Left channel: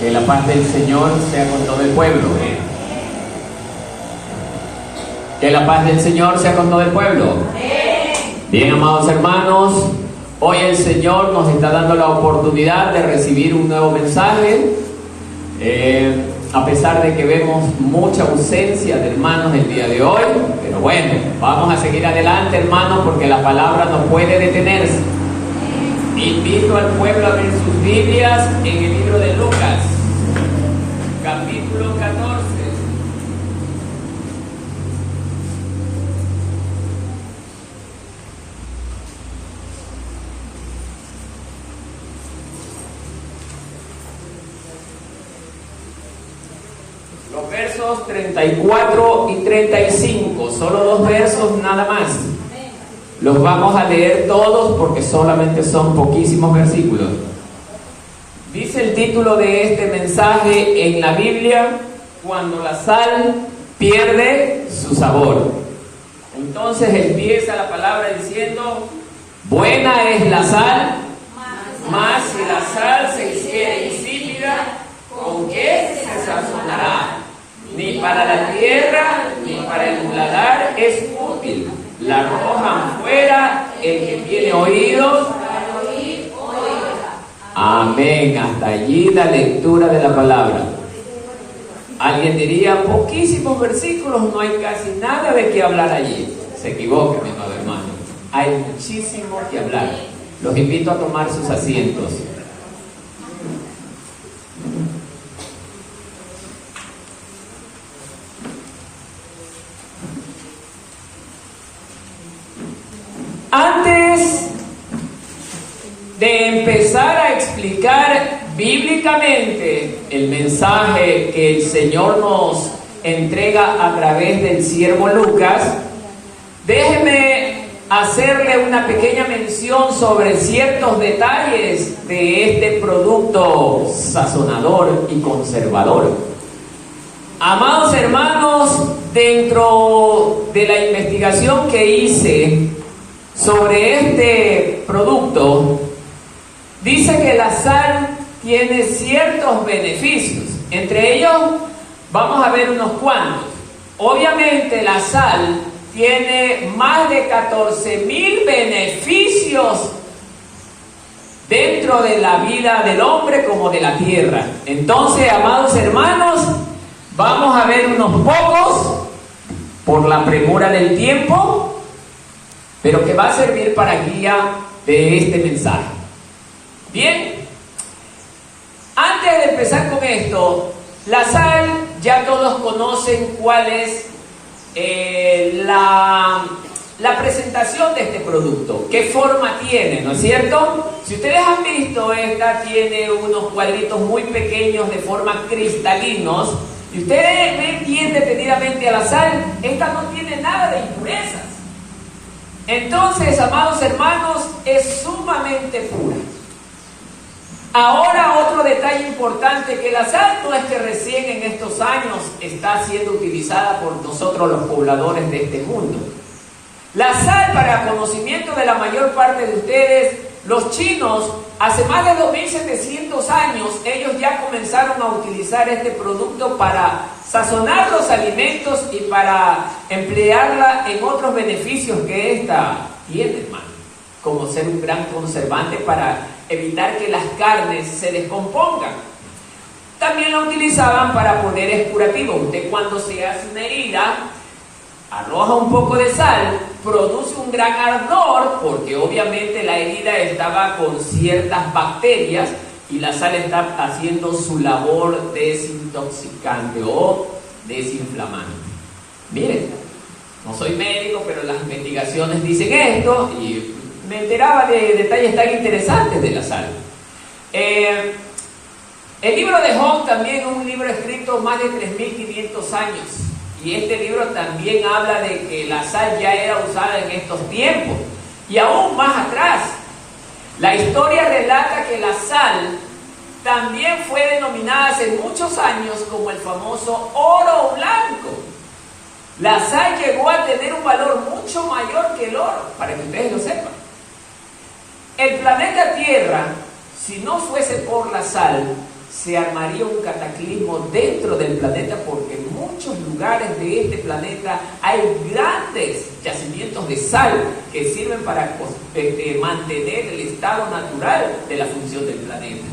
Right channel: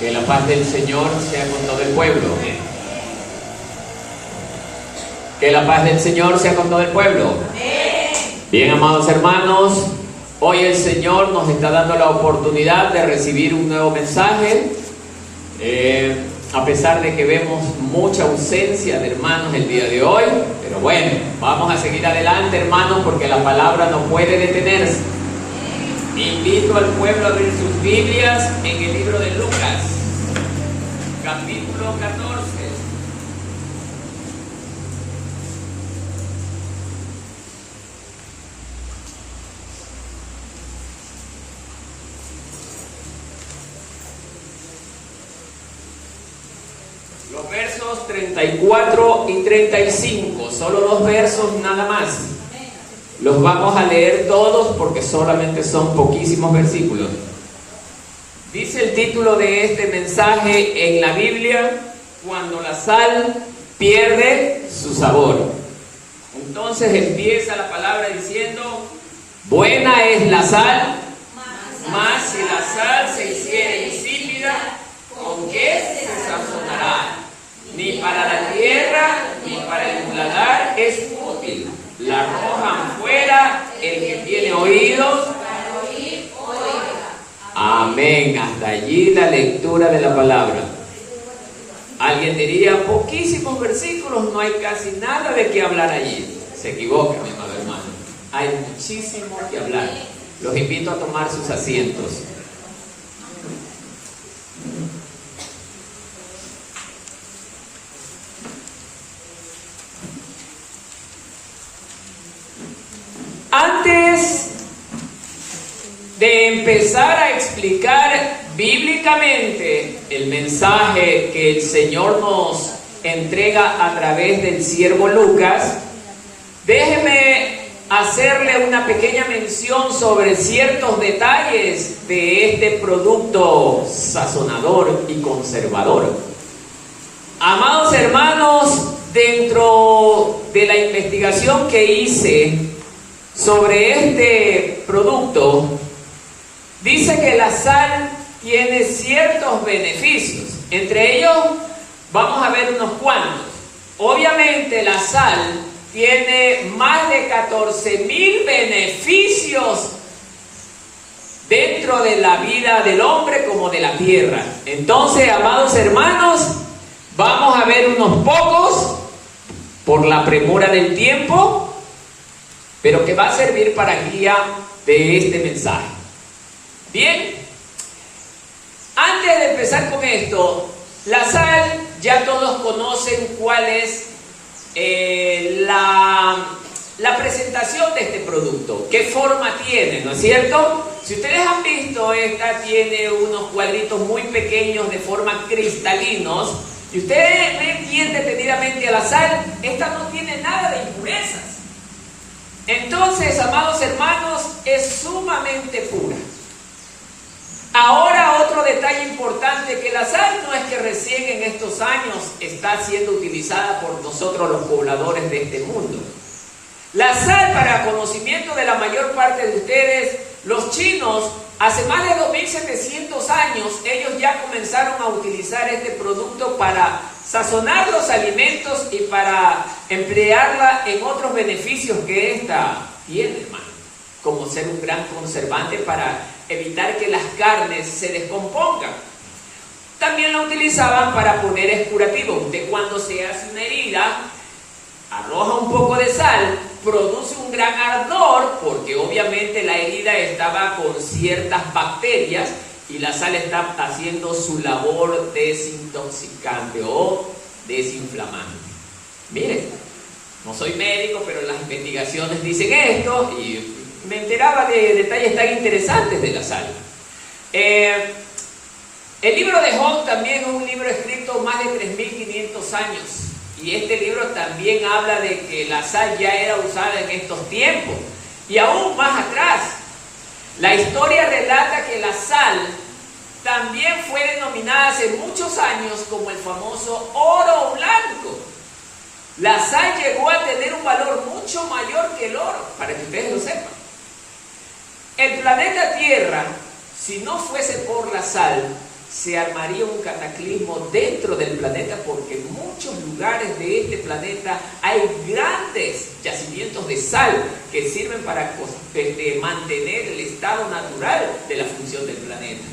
Que la paz del Señor sea con todo el pueblo. Que la paz del Señor sea con todo el pueblo. Bien, amados hermanos, hoy el Señor nos está dando la oportunidad de recibir un nuevo mensaje. A pesar de que vemos mucha ausencia de hermanos el día de hoy, pero bueno, vamos a seguir adelante, hermanos, porque la palabra no puede detenerse. Invito al pueblo a abrir sus Biblias en el libro de Lucas, capítulo 14. Los versos 34 y 35, solo dos versos nada más. Los vamos a leer todos porque solamente son poquísimos versículos. Dice el título de este mensaje en la Biblia: cuando la sal pierde su sabor. Entonces empieza la palabra diciendo: buena es la sal, mas si la sal se hiciera insípida, ¿con qué se sazonará? Ni para la tierra, ni para el paladar es útil. La arrojan fuera, el que tiene oídos para oír, oiga. Amén. Hasta allí la lectura de la palabra. Alguien diría, poquísimos versículos, no hay casi nada de qué hablar allí. Se equivoca, mi amado hermano. Hay muchísimo que hablar. Los invito a tomar sus asientos. Antes de empezar a explicar bíblicamente el mensaje que el Señor nos entrega a través del siervo Lucas, déjeme hacerle una pequeña mención sobre ciertos detalles de este producto sazonador y conservador. Amados hermanos, dentro de la investigación que hice sobre este producto, dice que la sal tiene ciertos beneficios. Entre ellos vamos a ver unos cuantos. Obviamente la sal tiene más de 14,000 beneficios dentro de la vida del hombre como de la tierra. Entonces, amados hermanos, vamos a ver unos pocos por la premura del tiempo, pero que va a servir para guía de este mensaje. Bien, antes de empezar con esto, la sal, ya todos conocen cuál es la presentación de este producto, qué forma tiene, ¿no es cierto? Si ustedes han visto, esta tiene unos cuadritos muy pequeños de forma cristalinos, y ustedes ven bien detenidamente a la sal, esta no tiene nada de impurezas. Entonces, amados hermanos, es sumamente pura. Ahora, otro detalle importante, que la sal no es que recién en estos años está siendo utilizada por nosotros los pobladores de este mundo. La sal, para conocimiento de la mayor parte de ustedes, los chinos, hace más de 2,700 años, ellos ya comenzaron a utilizar este producto para sazonar los alimentos y para emplearla en otros beneficios que esta tiene, hermano, como ser un gran conservante para evitar que las carnes se descompongan. También la utilizaban para poderes curativos. Usted, cuando se hace una herida, arroja un poco de sal, produce un gran ardor, porque obviamente la herida estaba con ciertas bacterias y la sal está haciendo su labor desintoxicante o desinflamante. Miren, no soy médico, pero las investigaciones dicen esto y me enteraba de detalles tan interesantes de la sal. El libro de Job también es un libro escrito más de 3,500 años. Y este libro también habla de que la sal ya era usada en estos tiempos. Y aún más atrás, la historia relata que la sal también fue denominada hace muchos años como el famoso oro blanco. La sal llegó a tener un valor mucho mayor que el oro, para que ustedes lo sepan. El planeta Tierra, si no fuese por la sal, se armaría un cataclismo dentro del planeta, porque en muchos lugares de este planeta hay grandes yacimientos de sal que sirven para mantener el estado natural de la función del planeta.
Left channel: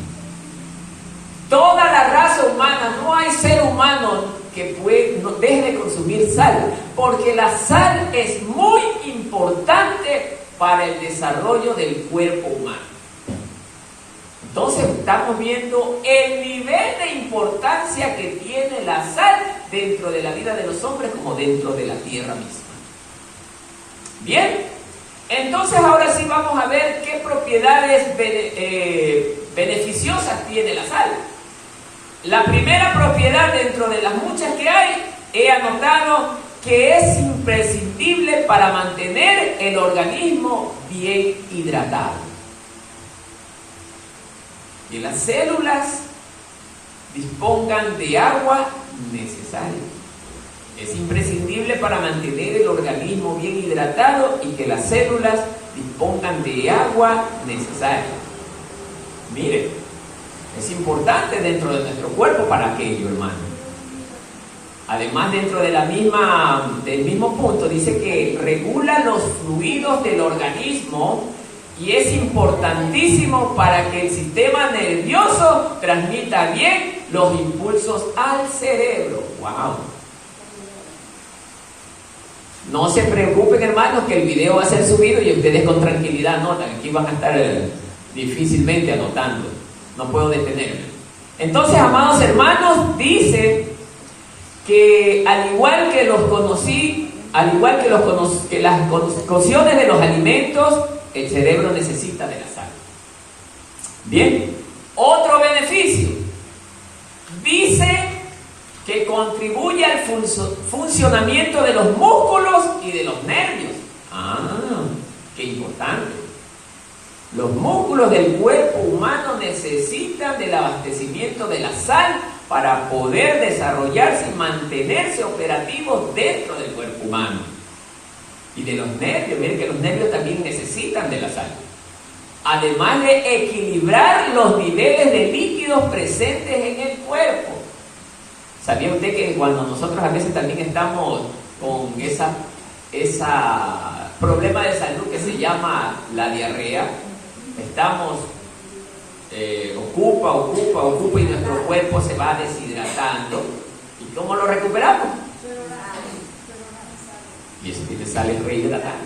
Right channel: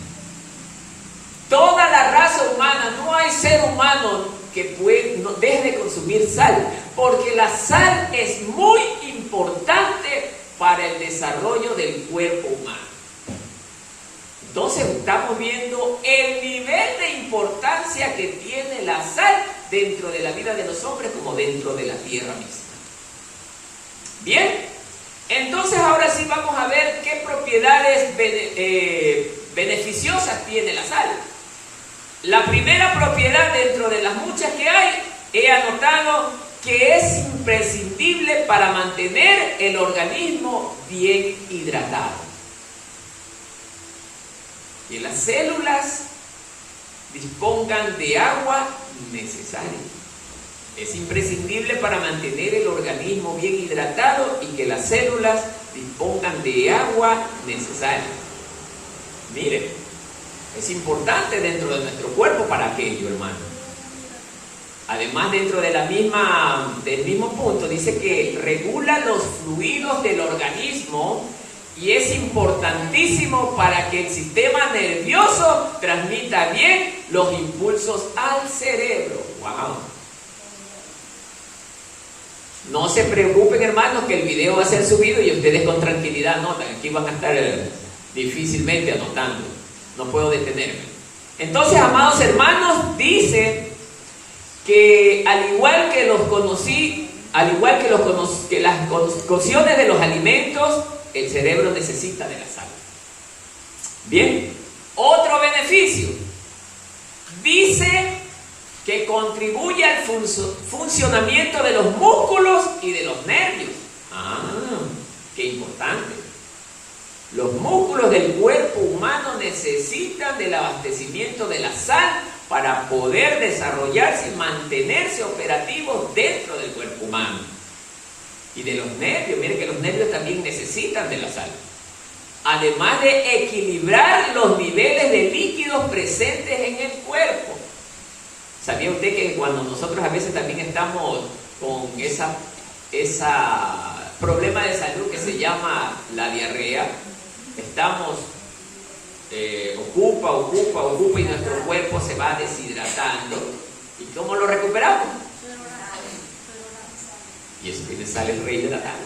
Toda la raza humana, no hay ser humano que no deje de consumir sal, porque la sal es muy importante para el desarrollo del cuerpo humano. Entonces estamos viendo el nivel de importancia que tiene la sal dentro de la vida de los hombres como dentro de la tierra misma. Bien, entonces ahora sí vamos a ver qué propiedades beneficiosas tiene la sal. La primera propiedad dentro de las muchas que hay, he anotado que es imprescindible para mantener el organismo bien hidratado. Que las células dispongan de agua necesaria. Es imprescindible para mantener el organismo bien hidratado y que las células dispongan de agua necesaria. Miren, es importante dentro de nuestro cuerpo para aquello, hermano. Además, dentro de del mismo punto, dice que regula los fluidos del organismo y es importantísimo para que el sistema nervioso transmita bien los impulsos al cerebro. ¡Wow! No se preocupen, hermanos, que el video va a ser subido y ustedes con tranquilidad anotan. Aquí van a estar difícilmente anotando. No puedo detenerme. Entonces, amados hermanos, dice que al igual que las cocciones de los alimentos, el cerebro necesita de la sal. Bien, otro beneficio. Dice que contribuye al funcionamiento de los músculos y de los nervios. Qué importante. Los músculos del cuerpo humano necesitan del abastecimiento de la sal para poder desarrollarse y mantenerse operativos dentro del cuerpo humano. Y de los nervios, miren que los nervios también necesitan de la sal. Además de equilibrar los niveles de líquidos presentes en el cuerpo. ¿Sabía usted que cuando nosotros a veces también estamos con esa problema de salud que se llama la diarrea, estamos ocupa y nuestro cuerpo se va deshidratando? ¿Y cómo lo recuperamos? Y eso tiene sal, el rey de la tarde.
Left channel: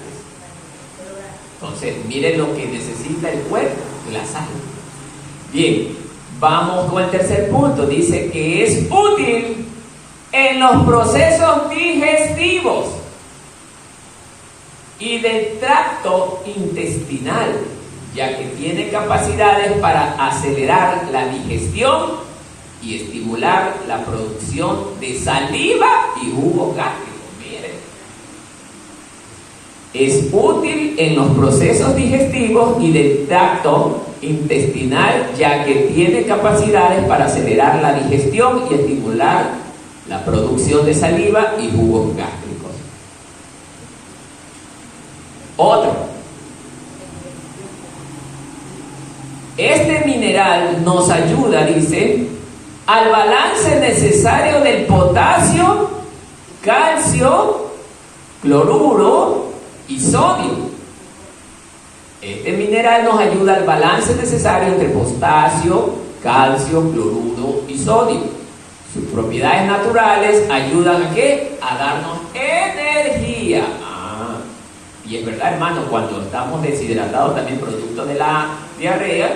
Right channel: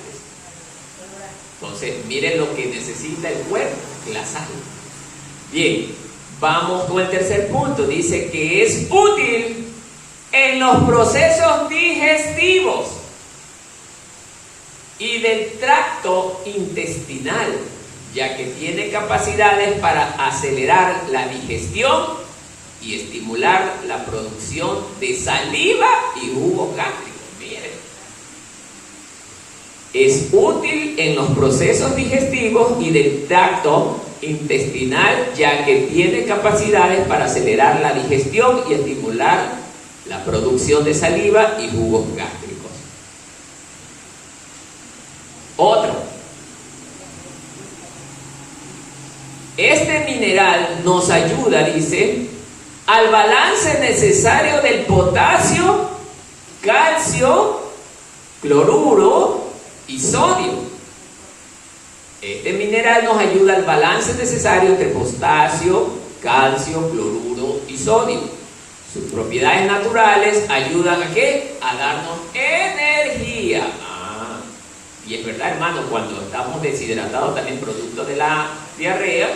Entonces, miren lo que necesita el cuerpo, la sal. Bien, vamos con el tercer punto. Dice que es útil en los procesos digestivos y del tracto intestinal, ya que tiene capacidades para acelerar la digestión y estimular la producción de saliva y jugo gástrico. Miren, es útil en los procesos digestivos y del tracto intestinal, ya que tiene capacidades para acelerar la digestión y estimular la producción de saliva y jugos gástricos. Otro. Este mineral nos ayuda, dice, al balance necesario del potasio, calcio, cloruro y sodio. Este mineral nos ayuda al balance necesario entre potasio, calcio, cloruro y sodio. Sus propiedades naturales ayudan ¿a qué? A darnos energía. Y es verdad, hermano, cuando estamos deshidratados, también producto de la diarrea,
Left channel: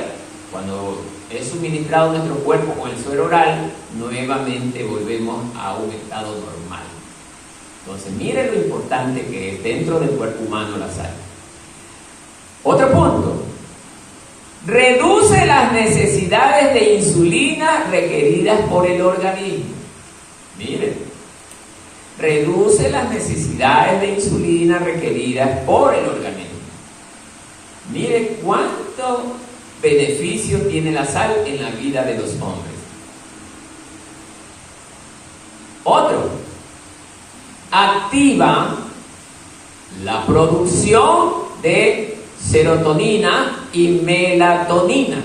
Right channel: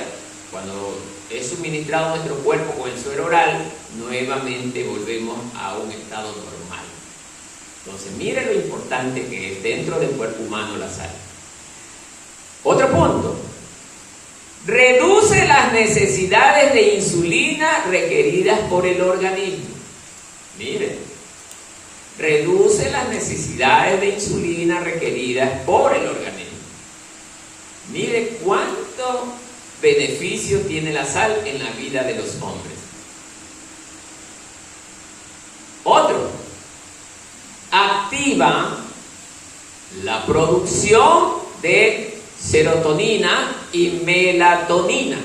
cuando es suministrado nuestro cuerpo con el suero oral, nuevamente volvemos a un estado normal. Entonces, miren lo importante que es dentro del cuerpo humano la sal. Otro punto. Reduce las necesidades de insulina requeridas por el organismo. Miren. Reduce las necesidades de insulina requeridas por el organismo. Mire cuánto beneficio tiene la sal en la vida de los hombres. Otro, activa la producción de serotonina y melatonina.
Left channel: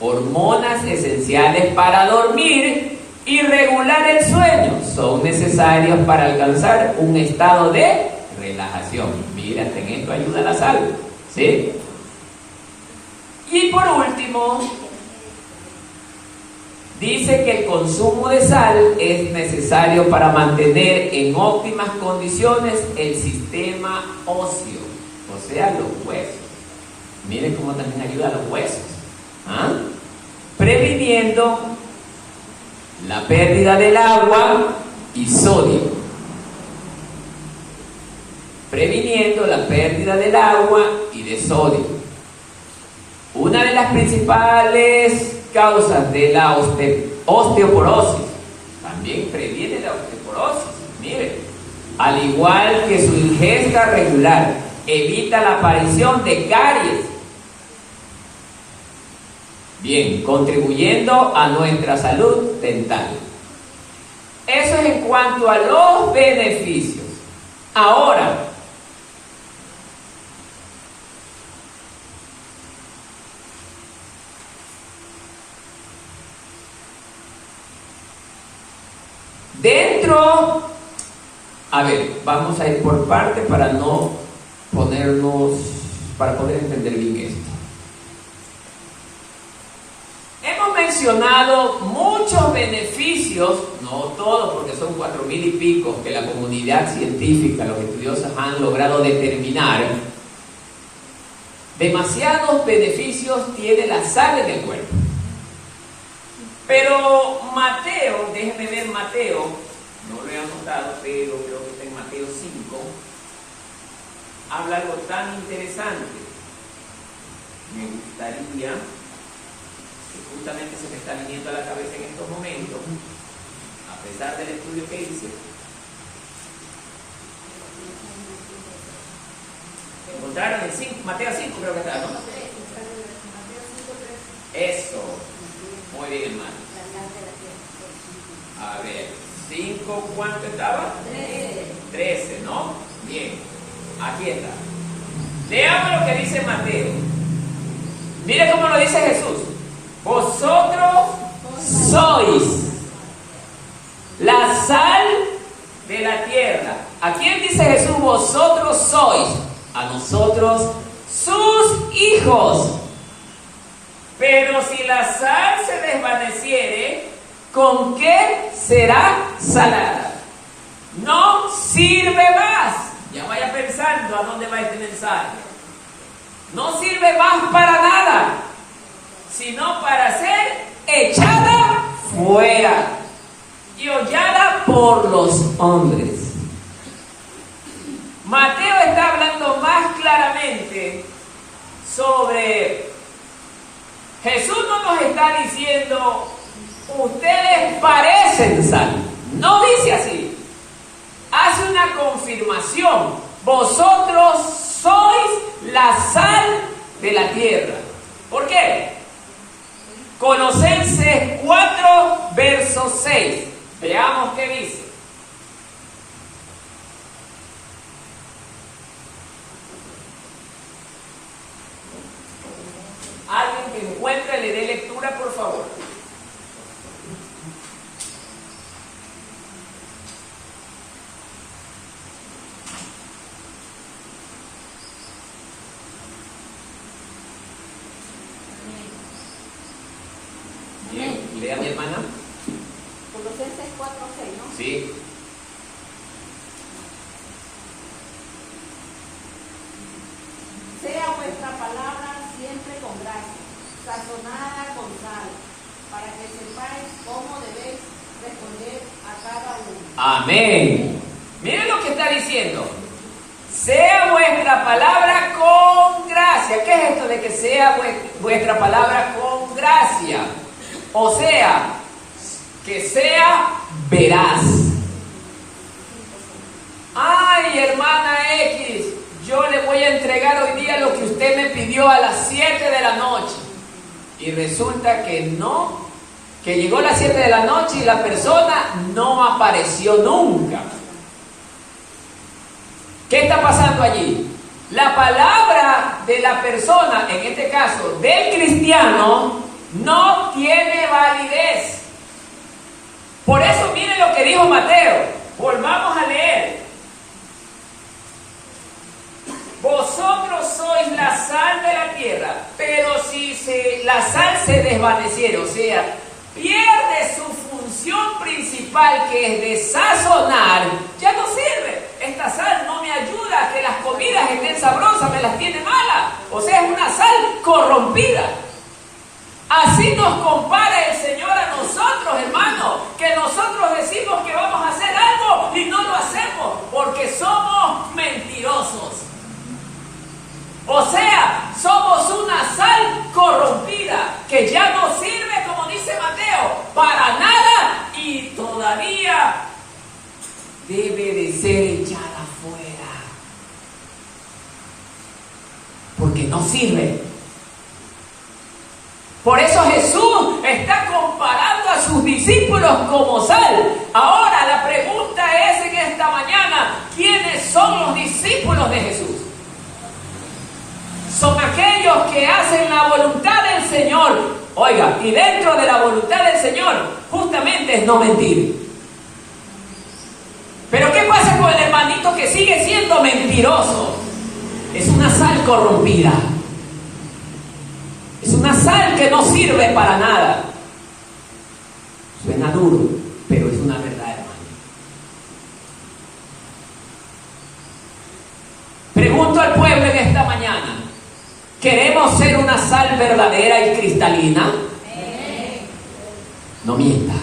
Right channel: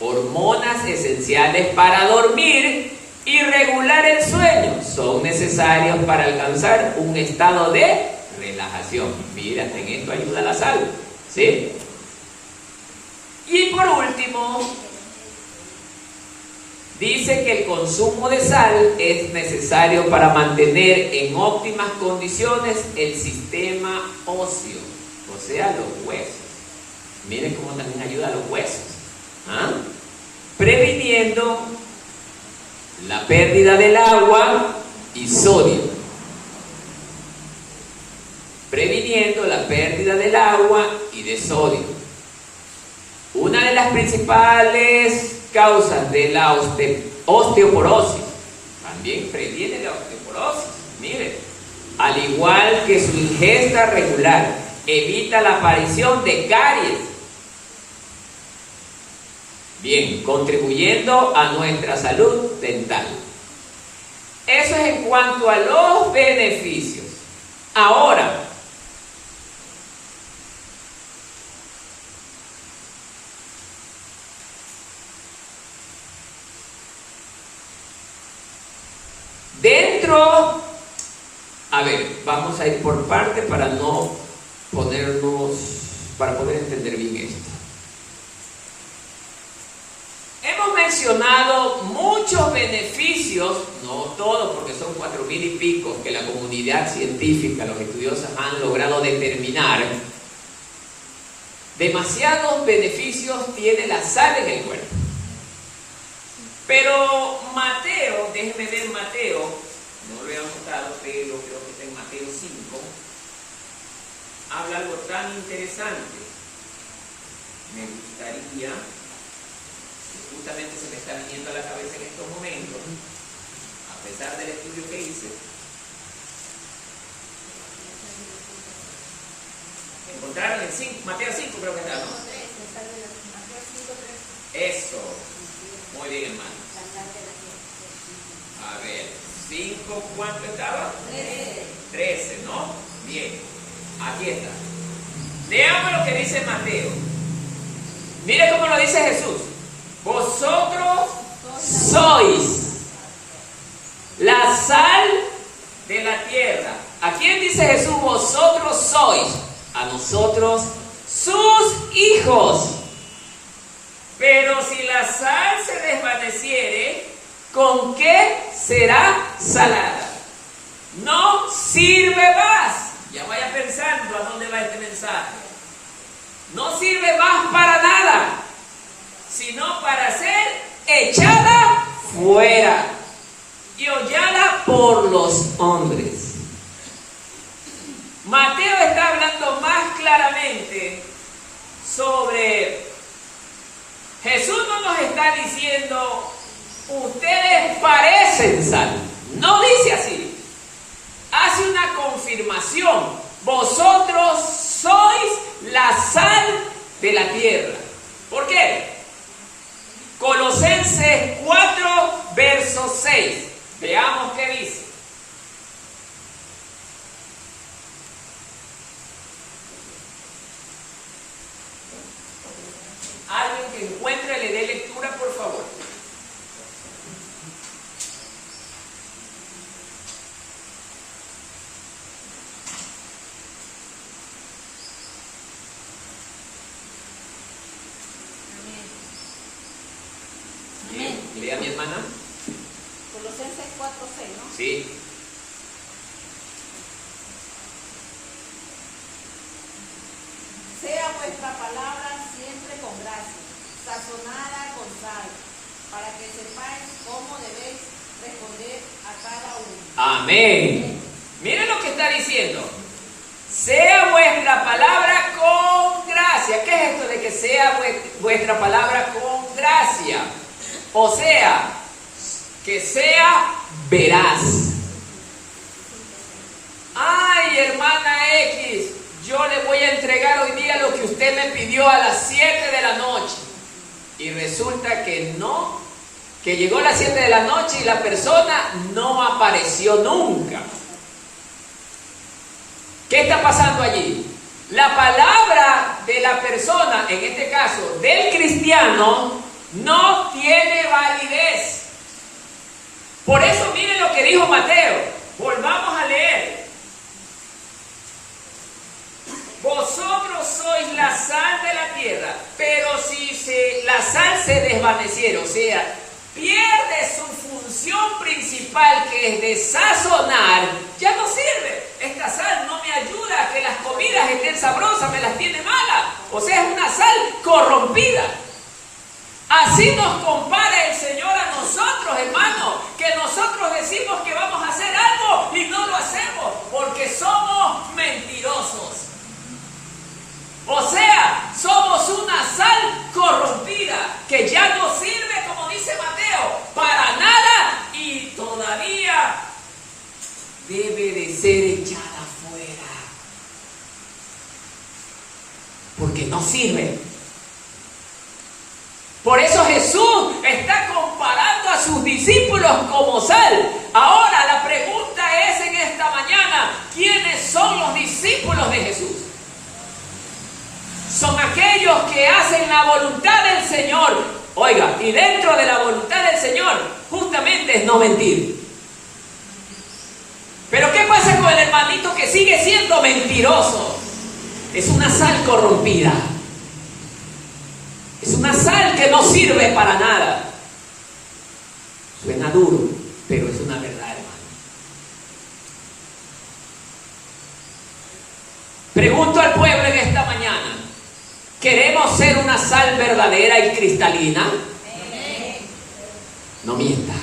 hormonas esenciales para dormir y regular el sueño, son necesarios para alcanzar un estado de relajación. Mira, en esto ayuda la sal, ¿sí? Y por último, dice que el consumo de sal es necesario para mantener en óptimas condiciones el sistema óseo, o sea, los huesos. Miren cómo también ayuda a los huesos, previniendo la pérdida del agua y sodio. Previniendo la pérdida del agua y de sodio. Una de las principales causas de la osteoporosis, también previene la osteoporosis, miren, al igual que su ingesta regular, evita la aparición de caries. Bien, contribuyendo a nuestra salud dental. Eso es en cuanto a los beneficios. Ahora, dentro, a ver, vamos a ir por parte para no ponernos, para poder entender bien esto. Hemos mencionado muchos beneficios, no todos porque son 4.000 y pico que la comunidad científica, los estudiosos han logrado determinar. Demasiados beneficios tiene la sal en el cuerpo. Pero Mateo, déjenme ver Mateo, no lo he anotado, pero creo que está en Mateo 5, habla algo tan interesante. Me gustaría, que justamente se me está viniendo a la cabeza en estos momentos, a pesar del estudio que hice. Encontraron el 5, Mateo 5 creo que está, ¿no? Eso. Muy bien, hermano. A ver, 5, ¿cuánto estaba? 13, ¿no? Bien, aquí está. Leamos lo que dice Mateo. Mire cómo lo dice Jesús. Vosotros sois la sal de la tierra. ¿A quién dice Jesús? Vosotros sois. A nosotros, sus hijos. Pero si la sal se desvaneciere, ¿con qué será salada? No sirve más. Ya vaya pensando a dónde va este mensaje. No sirve más para nada, sino para ser echada fuera y hollada por los hombres. Mateo está hablando más claramente sobre... Jesús no nos está diciendo, ustedes parecen sal. No dice así. Hace una confirmación. Vosotros sois la sal de la tierra. ¿Por qué? Colosenses 4, verso 6. Veamos qué dice. Alguien que encuentre, le dé lectura, por favor. Bien, lea mi hermana. Colosenses 4:6, ¿no? Sí. Sea vuestra palabra siempre con gracia, sazonada con sal, para que sepáis cómo debéis responder a cada uno. Amén. Miren lo que está diciendo. Sea vuestra palabra con gracia. ¿Qué es esto de que sea vuestra palabra con gracia? O sea, que sea veraz. Ay, hermana X, yo le voy a entregar hoy día lo que usted me pidió a las 7 de la noche. Y resulta que no, que llegó a las 7 de la noche y la persona no apareció nunca. ¿Qué está pasando allí? La palabra de la persona, en este caso del cristiano, no tiene validez. Por eso miren lo que dijo Mateo. Volvamos a leer. Vosotros sois la sal de la tierra, pero si la sal se desvaneciera, o sea, pierde su función principal, que es de sazonar, ya no sirve. Esta sal no me ayuda a que las comidas estén sabrosas, me las tiene malas. O sea, es una sal corrompida. Así nos compara el Señor a nosotros, hermanos, que nosotros decimos que vamos a hacer algo y no lo hacemos porque somos mentirosos. O sea, somos una sal corrompida que ya no sirve, como dice Mateo, para nada y todavía debe de ser echada fuera. Porque no sirve. Por eso Jesús está comparando a sus discípulos como sal. Ahora la pregunta es en esta mañana, ¿quiénes son los discípulos de Jesús? Son aquellos que hacen la voluntad del Señor. Oiga, y dentro de la voluntad del Señor, justamente es no mentir. Pero ¿qué pasa con el hermanito que sigue siendo mentiroso? Es una sal corrompida. Es una sal que no sirve para nada. Suena duro, pero es una verdad, hermano. Pregunto al pueblo en esta mañana, ¿queremos ser una sal verdadera y cristalina? No mienta.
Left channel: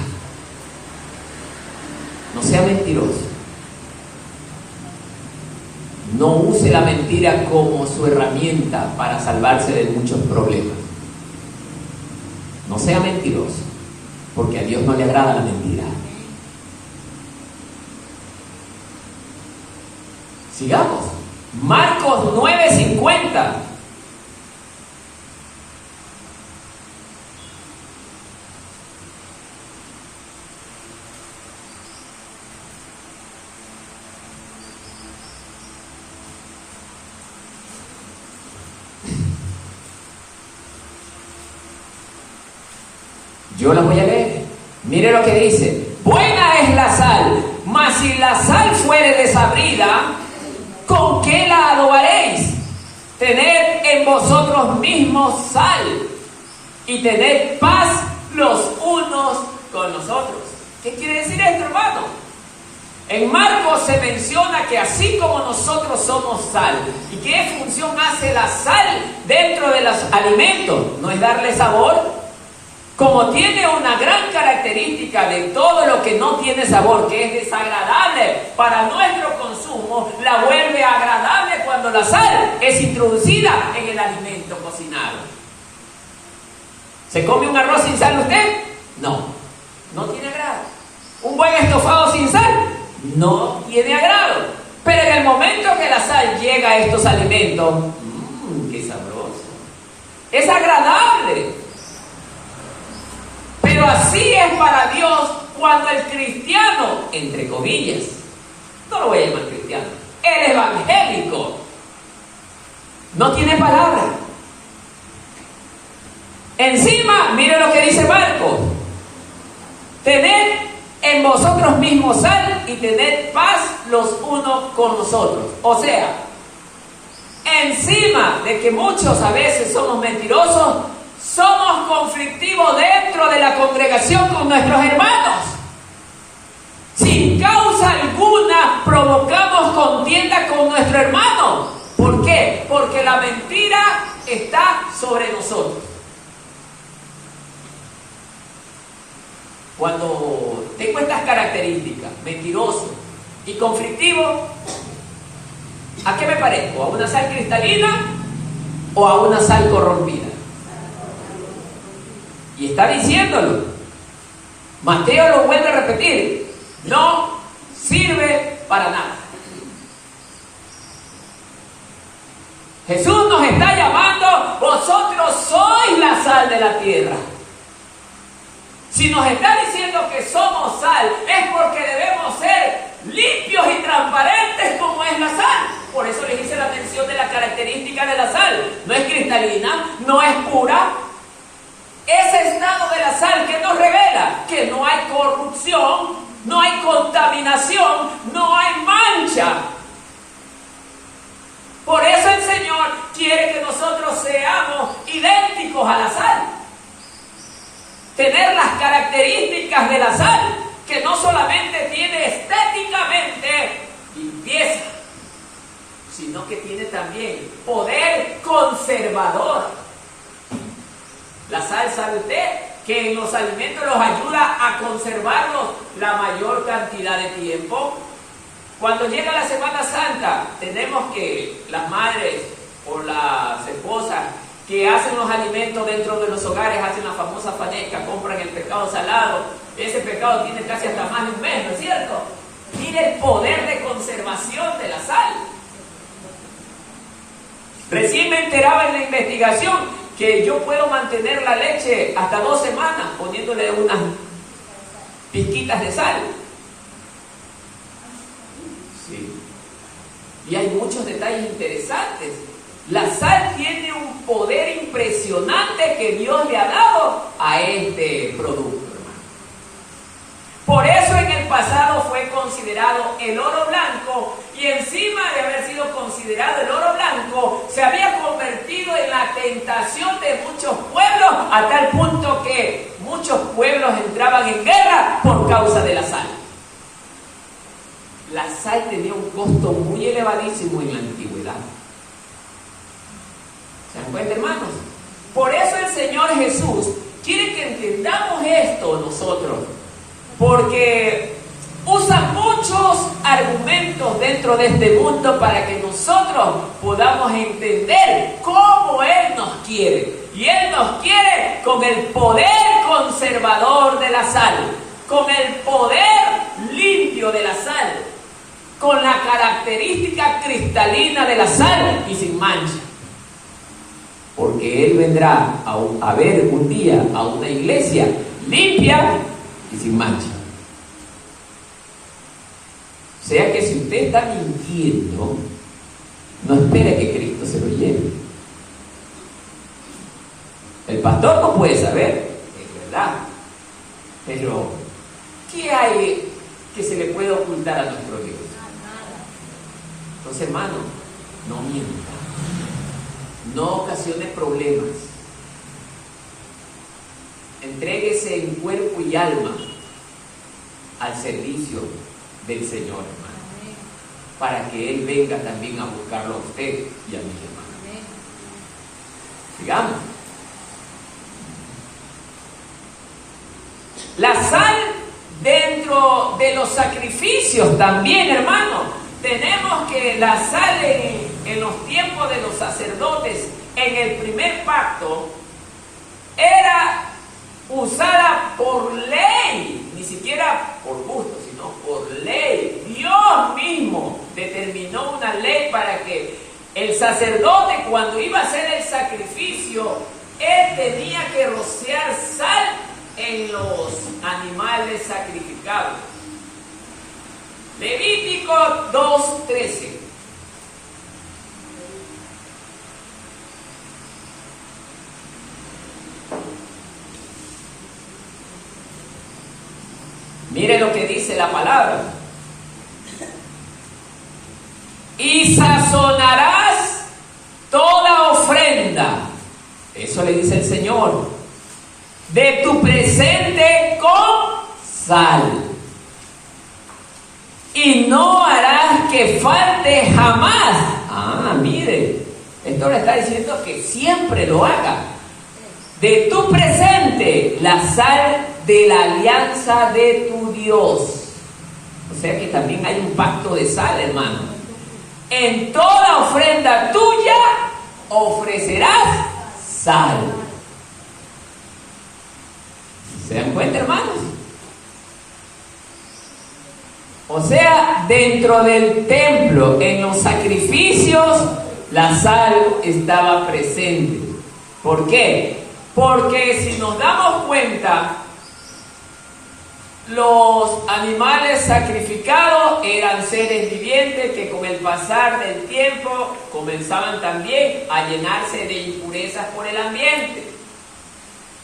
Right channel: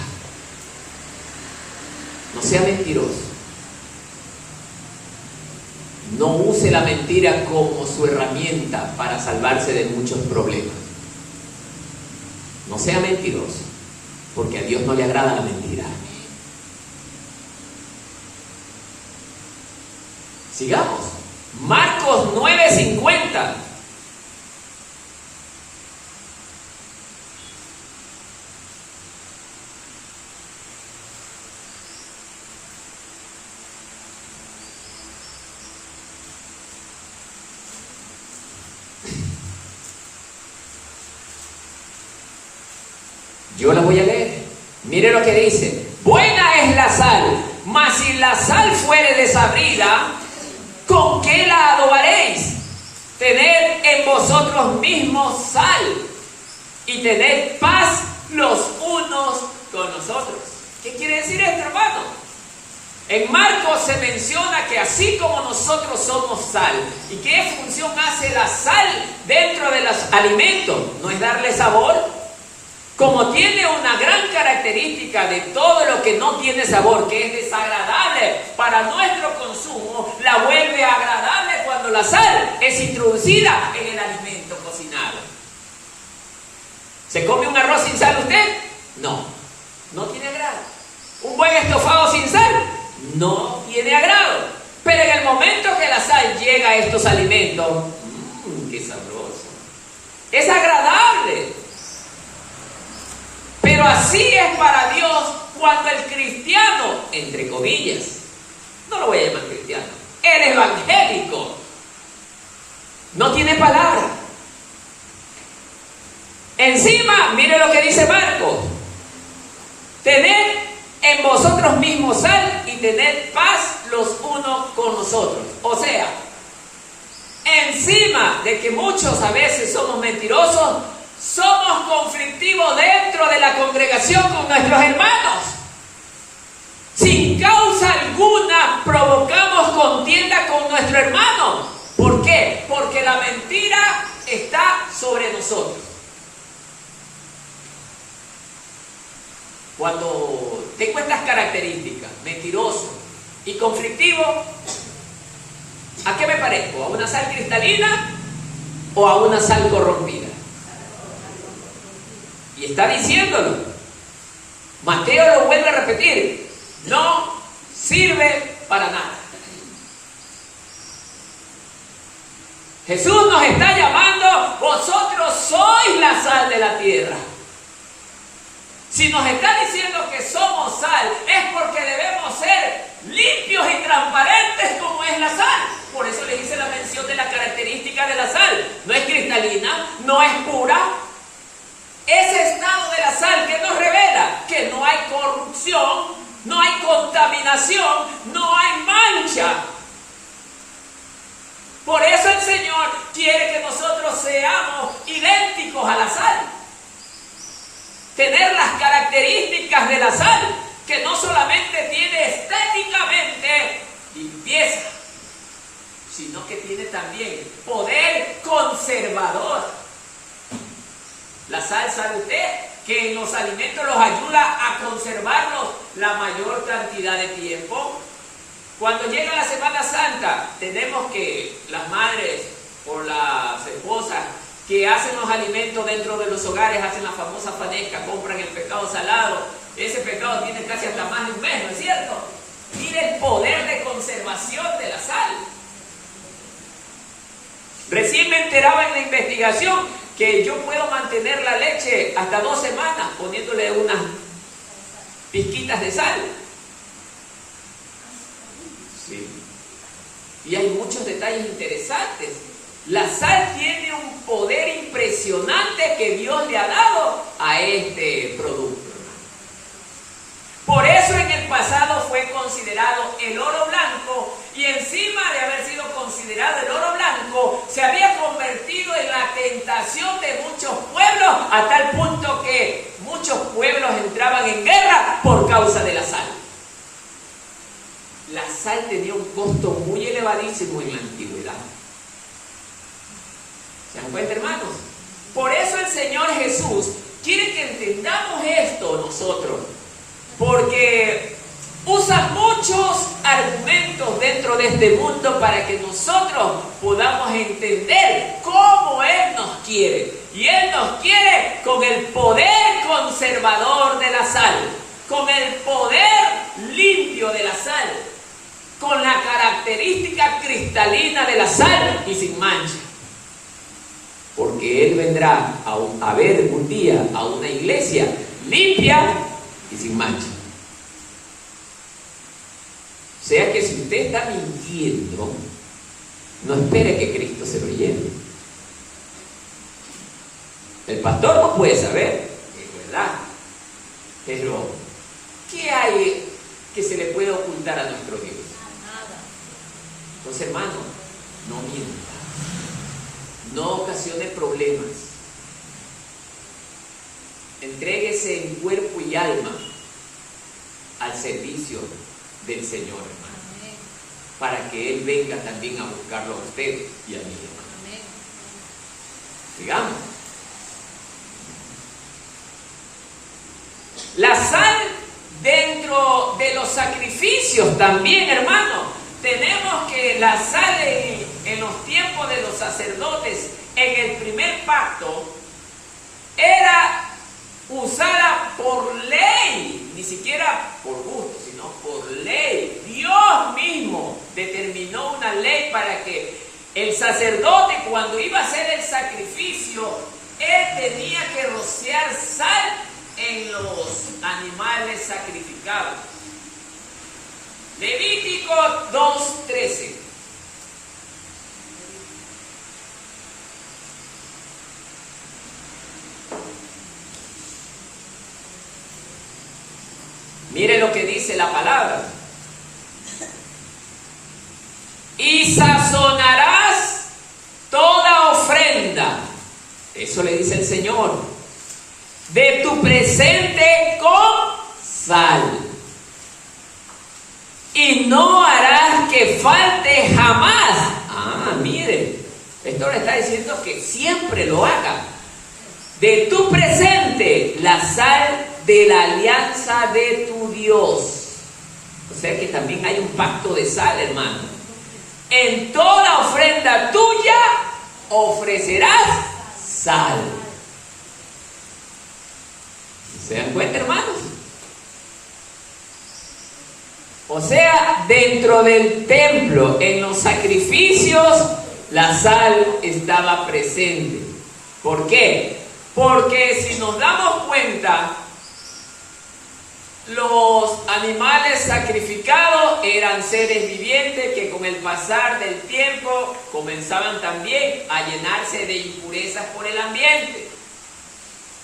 No sea mentiroso. No use la mentira como su herramienta para salvarse de muchos problemas. No sea mentiroso, porque a Dios no le agrada la mentira. Sigamos. Marcos 9:50. Yo la voy a leer. Mire lo que dice. Buena es la sal, mas si la sal fuere desabrida, ¿con qué la adobaréis? Tened en vosotros mismos sal y tened paz los unos con los otros. ¿Qué quiere decir esto, hermano? En Marcos se menciona que así como nosotros somos sal, ¿y qué función hace la sal dentro de los alimentos? ¿No es darle sabor? Como tiene una gran característica de todo lo que no tiene sabor, que es desagradable para nuestro consumo, la vuelve agradable cuando la sal es introducida en el alimento cocinado. ¿Se come un arroz sin sal usted? No, no tiene agrado. ¿Un buen estofado sin sal? No tiene agrado. Pero en el momento que la sal llega a estos alimentos, ¡qué sabroso! Es agradable. Pero así es para Dios cuando el cristiano, entre comillas, no lo voy a llamar cristiano, el evangélico, no tiene palabra. Encima, mire lo que dice Marcos: tened en vosotros mismos sal y tened paz los unos con los otros. O sea, encima de que muchos a veces somos mentirosos, somos conflictivos dentro de la congregación con nuestros hermanos. Sin causa alguna provocamos contienda con nuestro hermano. ¿Por qué? Porque la mentira está sobre nosotros. Cuando tengo estas características, mentiroso y conflictivo, ¿a qué me parezco? ¿A una sal cristalina o a una sal corrompida? Y está diciéndolo. Mateo lo vuelve a repetir. No sirve para nada. Jesús nos está llamando, vosotros sois la sal de la tierra. Si nos está diciendo que somos sal, es porque debemos ser limpios y transparentes como es la sal. Por eso les hice la mención de la característica de la sal. No es cristalina, no es pura. Es que no hay corrupción, no hay contaminación, no hay mancha. Por eso el Señor quiere que nosotros seamos idénticos a la sal. Tener las características de la sal, que no solamente tiene estéticamente limpieza, sino que tiene también poder conservador. La sal, ¿sabe usted? Que en los alimentos los ayuda a conservarlos la mayor cantidad de tiempo. Cuando llega la Semana Santa, tenemos que las madres o las esposas que hacen los alimentos dentro de los hogares, hacen la famosa fanesca, compran el pescado salado. Ese pescado tiene casi hasta más de un mes, ¿no es cierto? Mire el poder de conservación de la sal. Recién me enteraba en la investigación que yo puedo mantener la leche hasta 2 semanas poniéndole unas pizquitas de sal. Sí. Y hay muchos detalles interesantes. La sal tiene un poder impresionante que Dios le ha dado a este producto, hermano. Por eso en el pasado fue considerado el oro blanco, y encima de haber sido considerado el oro blanco, se había convertido en la tentación de muchos pueblos, a tal punto que muchos pueblos entraban en guerra por causa de la sal. La sal tenía un costo muy elevadísimo en la antigüedad. ¿Se dan cuenta, hermanos? Por eso el Señor Jesús quiere que entendamos esto nosotros, porque usa muchos argumentos dentro de este mundo para que nosotros podamos entender cómo Él nos quiere. Y Él nos quiere con el poder conservador de la sal, con el poder limpio de la sal, con la característica cristalina de la sal y sin mancha. Porque Él vendrá a ver un día a una iglesia limpia y sin mancha. O sea que si usted está mintiendo, no espere que Cristo se lo lleve. El pastor no puede saber, es verdad. Pero, ¿qué hay que se le puede ocultar a nuestro Dios? Entonces, hermano, no mienta. No ocasione problemas. Entréguese en cuerpo y alma al servicio del Señor, hermano, para que Él venga también a buscarlo a usted y a mí, hermano. Sigamos. La sal dentro de los sacrificios también, hermano. Tenemos que la sal en los tiempos de los sacerdotes, en el primer pacto, era usada por ley, ni siquiera por gusto, sino por ley. Dios mismo determinó una ley para que el sacerdote, cuando iba a hacer el sacrificio, él tenía que rociar sal en los animales sacrificados. Levítico 2:13. Mire lo que dice la palabra. Y sazonarás toda ofrenda, eso le dice el Señor, de tu presente con sal. Y no harás que falte jamás. Mire, esto le está diciendo que siempre lo haga. De tu presente, la sal de la alianza de tu Dios. O sea que también hay un pacto de sal, hermano. En toda ofrenda tuya ofrecerás sal. ¿Se dan cuenta, hermanos? O sea, dentro del templo, en los sacrificios, la sal estaba presente. ¿Por qué? Porque si nos damos cuenta, los animales sacrificados eran seres vivientes que con el pasar del tiempo comenzaban también a llenarse de impurezas por el ambiente.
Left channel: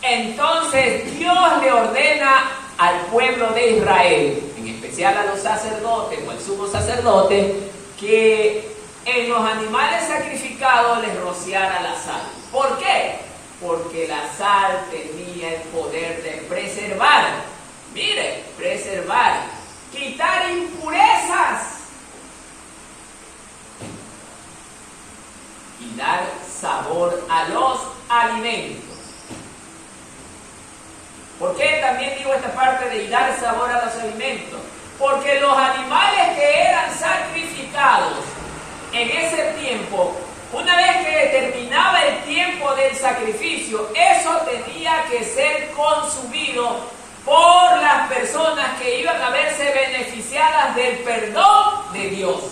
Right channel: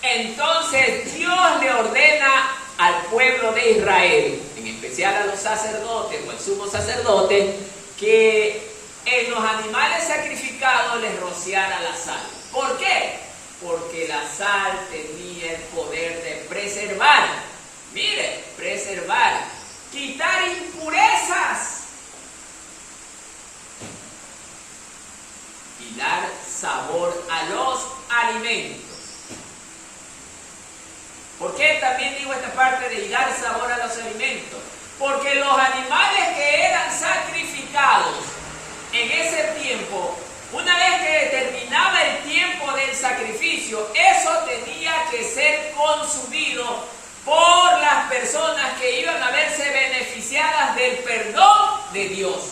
Entonces Dios le ordena al pueblo de Israel, en especial a los sacerdotes o al sumo sacerdote, que en los animales sacrificados les rociara la sal. ¿Por qué? Porque la sal tenía el poder de preservar, mire, preservar, quitar impurezas y dar sabor a los alimentos. ¿Por qué también digo esta parte de dar sabor a los alimentos? Porque los animales que eran sacrificados en ese tiempo, una vez que terminaba el tiempo del sacrificio, eso tenía que ser consumido por las personas que iban a verse beneficiadas del perdón de Dios.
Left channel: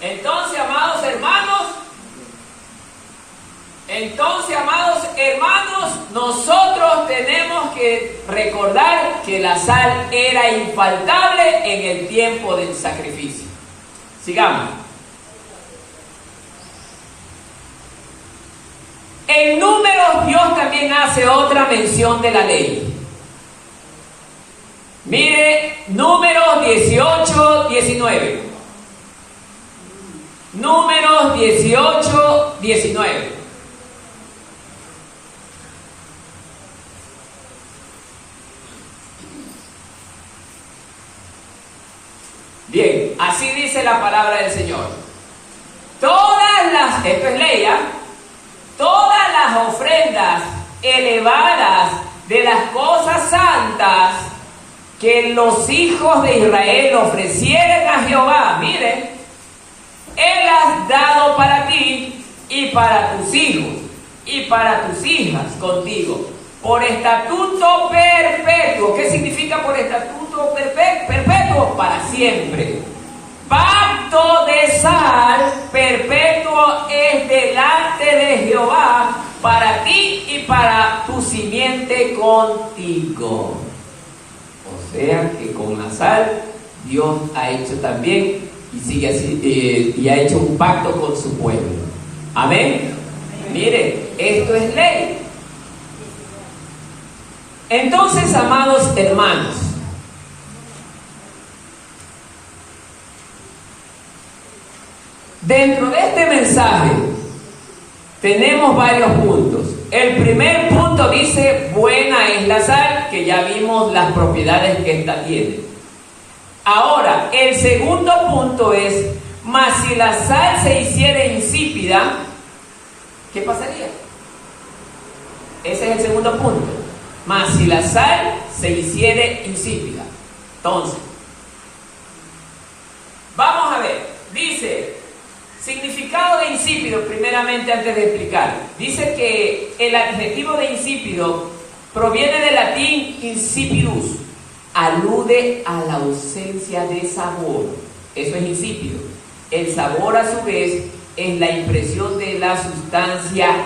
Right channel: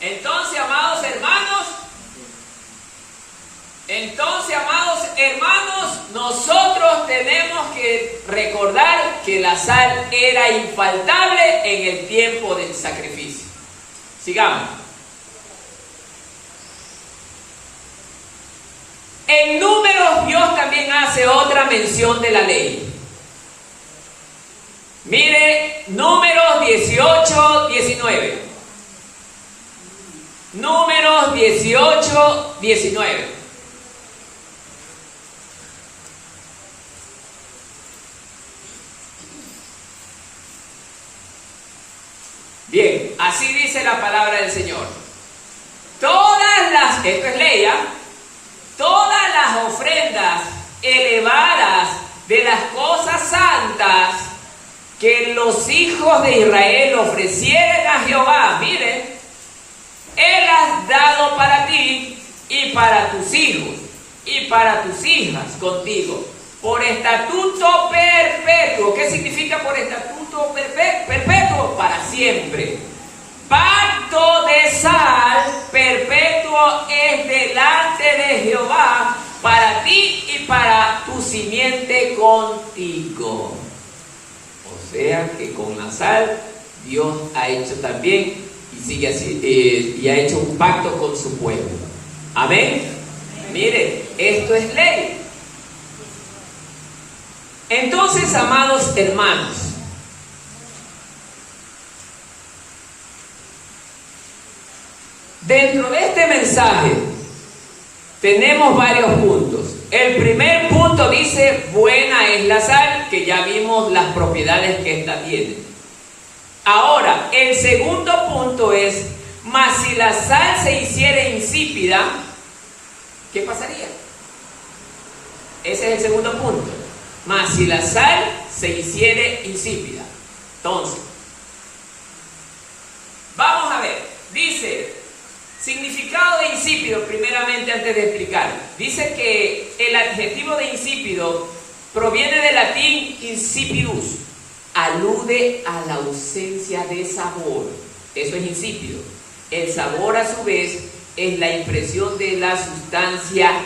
Entonces, amados hermanos, nosotros tenemos que recordar que la sal era infaltable en el tiempo del sacrificio. Sigamos. En Números, Dios también hace otra mención de la ley. Mire, Números 18, 19. Números 18, 19. Bien, así dice la palabra del Señor. Esto es ley, todas las ofrendas elevadas de las cosas santas que los hijos de Israel ofrecieren a Jehová, miren, Él has dado para ti y para tus hijos y para tus hijas contigo, por estatuto perpetuo. ¿Qué significa por estatuto perpetuo? Para siempre. Pacto de sal perpetuo es delante de Jehová para ti y para tu simiente contigo. O sea que con la sal Dios ha hecho también y sigue así, y ha hecho un pacto con su pueblo. Amén. Mire, esto es ley. Entonces, amados hermanos, dentro de este mensaje tenemos varios puntos. El primer punto dice, buena es la sal, que ya vimos las propiedades que ésta tiene. Ahora, el segundo punto es, mas si la sal se hiciera insípida, ¿qué pasaría? Ese es el segundo punto. Mas si la sal se hiciera insípida. Entonces, vamos a ver, dice, significado de insípido, primeramente antes de explicar. Dice que el adjetivo de insípido proviene del latín insipidus, alude a la ausencia de sabor. Eso es insípido. El sabor, a su vez, es la impresión de la sustancia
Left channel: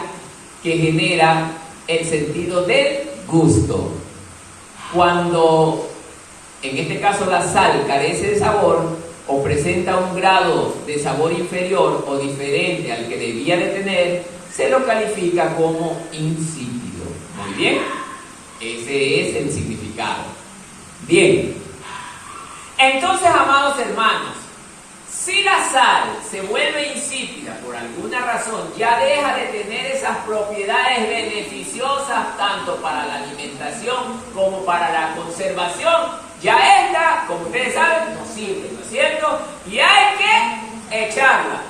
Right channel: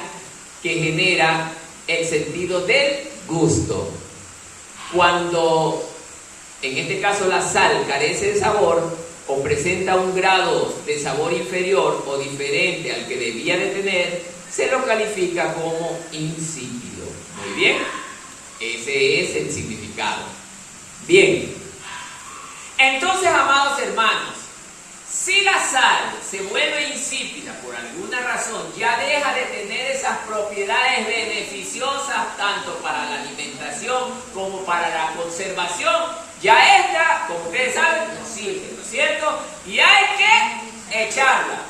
que genera el sentido del gusto. Cuando, en este caso, la sal carece de sabor o presenta un grado de sabor inferior o diferente al que debía de tener, se lo califica como insípido. Muy bien, ese es el significado. Bien, entonces, amados hermanos, si la sal se vuelve insípida por alguna razón, ya deja de tener esas propiedades beneficiosas tanto para la alimentación como para la conservación. Ya esta, como ustedes saben, no sirve, ¿no es cierto? Y hay que echarla.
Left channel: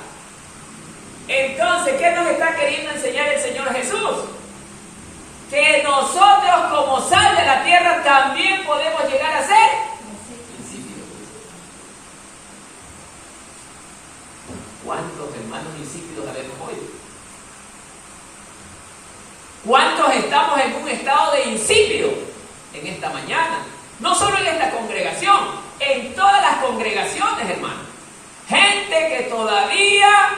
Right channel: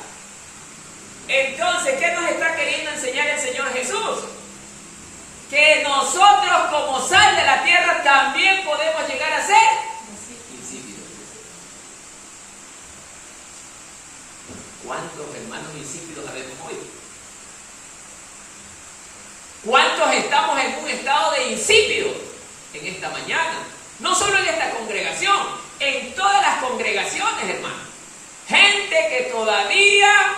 Entonces, ¿qué nos está queriendo enseñar el Señor Jesús? Que nosotros, como sal de la tierra, también podemos llegar a ser insípidos. ¿Cuántos hermanos insípidos habemos hoy? ¿Cuántos estamos en un estado de insípido en esta mañana? No solo en esta congregación, en todas las congregaciones, hermano. Gente que todavía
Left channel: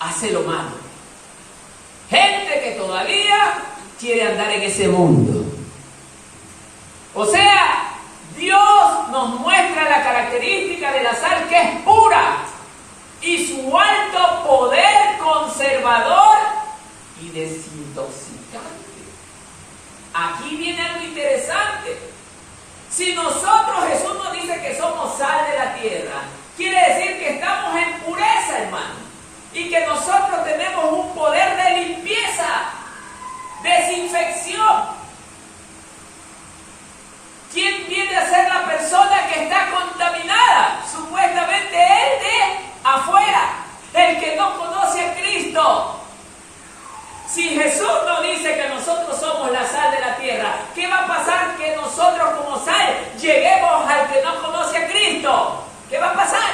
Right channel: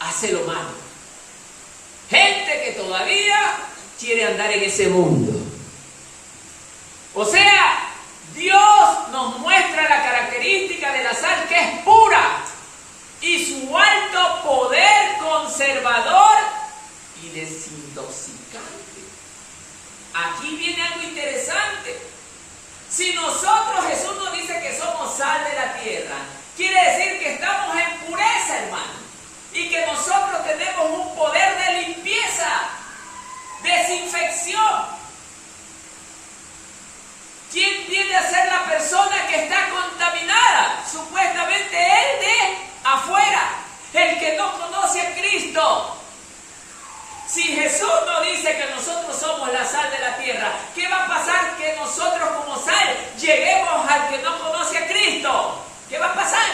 hace lo malo. Gente que todavía quiere andar en ese mundo. O sea, Dios nos muestra la característica de la sal, que es pura, y su alto poder conservador y desintoxicante. Aquí viene algo interesante. Si nosotros, Jesús nos dice que somos sal de la tierra, quiere decir que estamos en pureza, hermano. Y que nosotros tenemos un poder de limpieza, desinfección. ¿Quién viene a ser la persona que está contaminada? Supuestamente él de afuera, el que no conoce a Cristo. Si Jesús nos dice que nosotros somos la sal de la tierra, ¿qué va a pasar que nosotros como sal lleguemos al que no conoce a Cristo? ¿Qué va a pasar?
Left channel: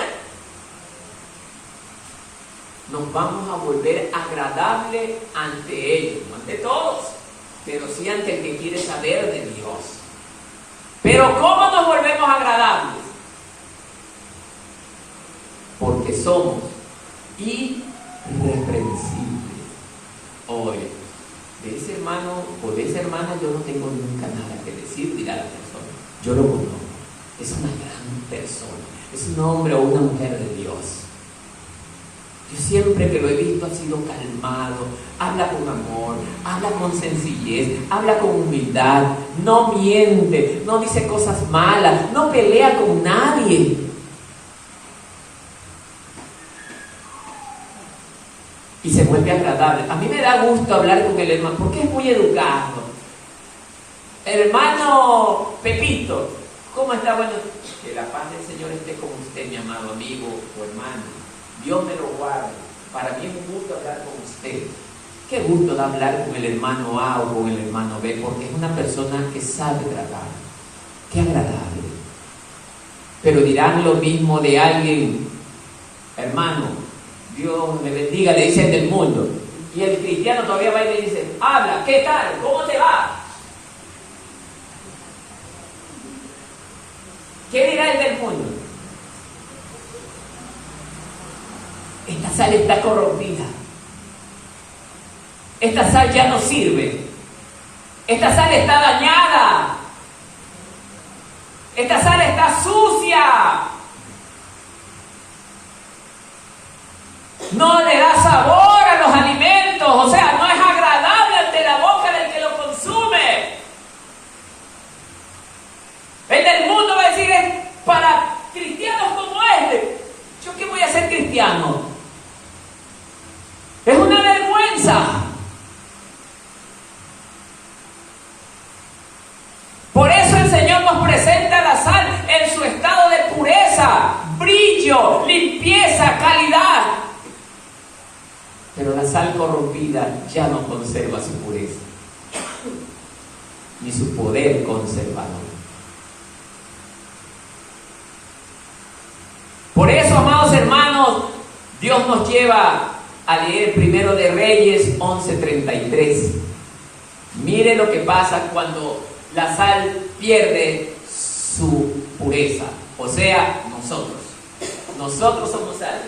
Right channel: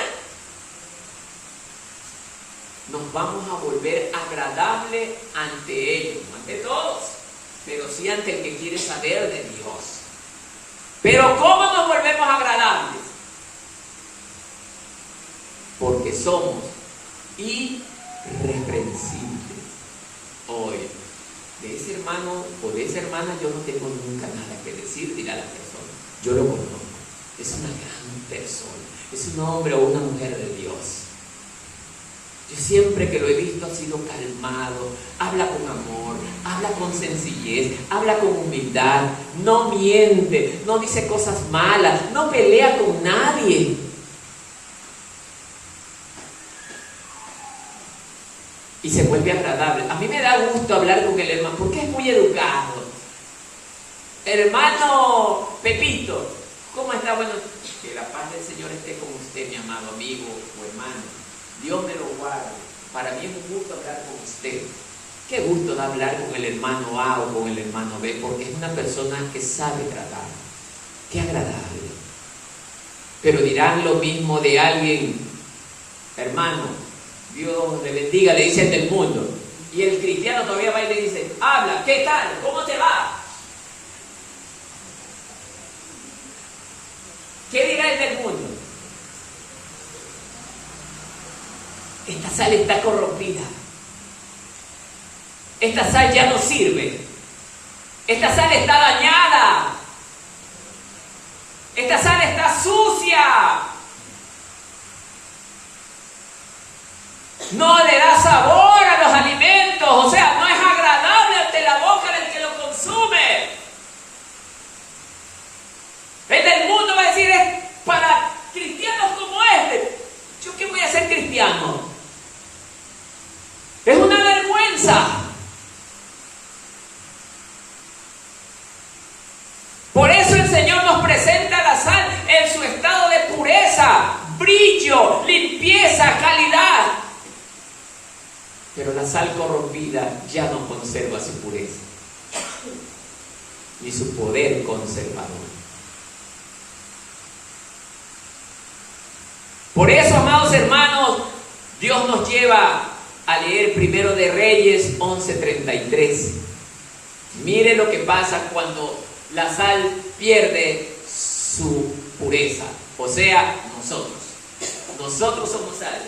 Nos vamos a volver agradable ante ellos, no ante todos, pero sí ante el que quiere saber de Dios. Pero ¿cómo nos volvemos agradables? Porque somos irreprensibles. Hoy, de ese hermano o de esa hermana yo no tengo nunca nada que decir, dirá la persona. Yo lo conozco. Es una gran persona. Es un hombre o una mujer de Dios. Yo siempre que lo he visto ha sido calmado, habla con amor, habla con sencillez, habla con humildad, no miente, no dice cosas malas, no pelea con nadie. Y se vuelve agradable. A mí me da gusto hablar con el hermano porque es muy educado. Hermano Pepito, ¿cómo está? Bueno, que la paz del Señor esté con usted, mi amado amigo o hermano. Dios me lo guarde. Para mí es un gusto hablar con usted. Qué gusto de hablar con el hermano A o con el hermano B, porque es una persona que sabe tratar. Qué agradable. Pero dirán lo mismo de alguien, hermano, Dios le bendiga, le dice el del mundo. Y el cristiano todavía va y le dice, habla, ¿qué tal? ¿Cómo te va? ¿Qué dirá el del mundo? Esta sal está corrompida. Esta sal ya no sirve. Esta sal está dañada. Esta sal está sucia. No le da sabor a los alimentos. O sea, no es agradable ante la boca del que lo consume. El del mundo va a decir, es para cristianos como este. ¿Yo qué voy a ser cristiano? Es una vergüenza. Por eso el Señor nos presenta la sal en su estado de pureza, brillo, limpieza, calidad. Pero la sal corrompida ya no conserva su pureza, ni su poder conservador. Por eso, amados hermanos, Dios nos lleva a leer Primero de Reyes 11:33. Mire lo que pasa cuando la sal pierde su pureza. O sea, nosotros somos sal.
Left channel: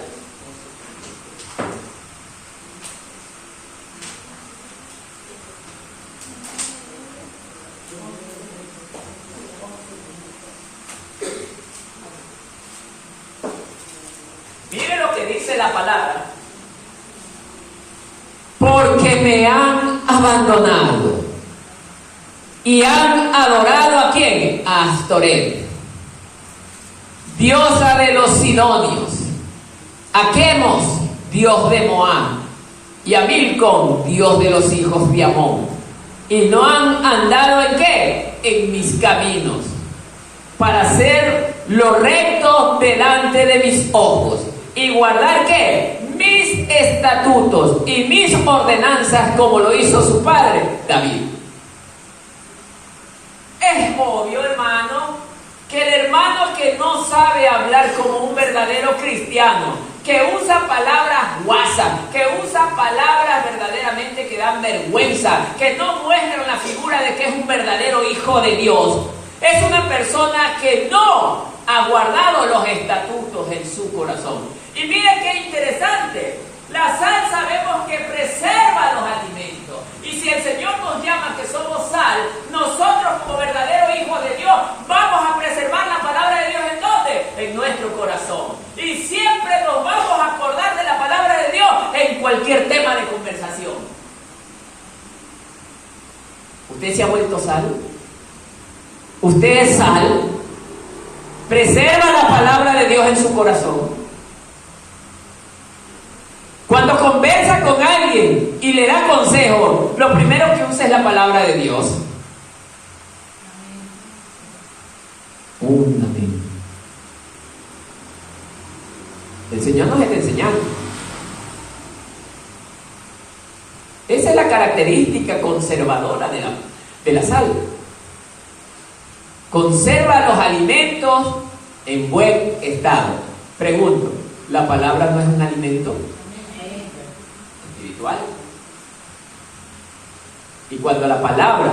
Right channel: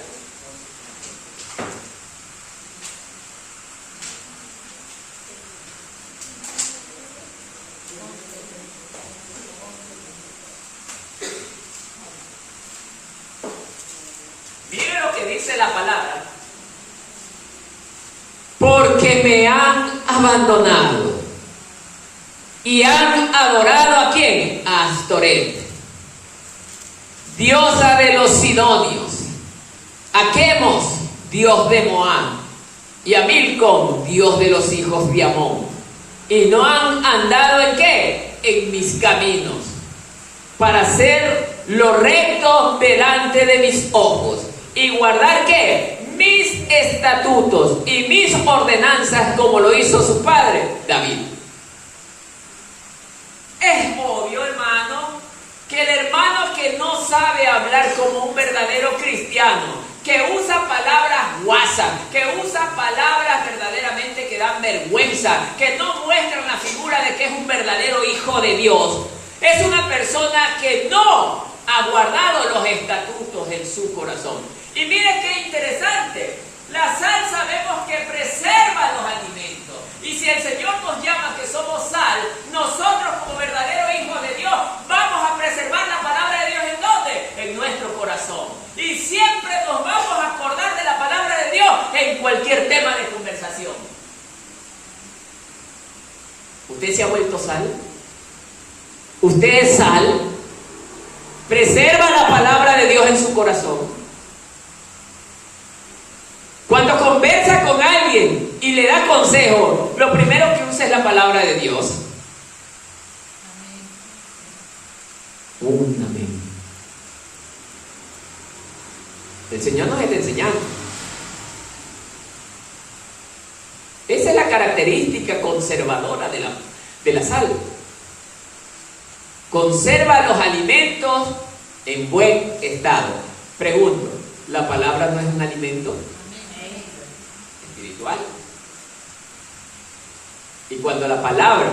Mire lo que dice la palabra. Porque me han abandonado y han adorado ¿a quién? A Astoret, diosa de los sidonios, a Quemos, dios de Moab, y a Milcom, dios de los hijos de Amón, y no han andado ¿en qué? En mis caminos, para hacer lo recto delante de mis ojos, y guardar ¿qué? Mis estatutos y mis ordenanzas, como lo hizo su padre David. Es obvio, hermano, que el hermano que no sabe hablar como un verdadero cristiano, que usa palabras guasas, que usa palabras verdaderamente que dan vergüenza, que no muestran la figura de que es un verdadero hijo de Dios, es una persona que no ha guardado los estatutos en su corazón. Y mire qué interesante, la sal sabemos que preserva los alimentos. Y si el Señor nos llama que somos sal, nosotros como verdaderos hijos de Dios vamos a preservar la palabra de Dios ¿en dónde? En nuestro corazón. Y siempre nos vamos a acordar de la palabra de Dios en cualquier tema de conversación. ¿Usted se ha vuelto sal? ¿Usted es sal? ¿Preserva la palabra de Dios en su corazón? Cuando conversa con alguien y le da consejo, lo primero que usa es la palabra de Dios. Un amén. El Señor nos está enseñando. Esa es la característica conservadora de la sal. Conserva los alimentos en buen estado. Pregunto, ¿la palabra no es un alimento espiritual? Y cuando la palabra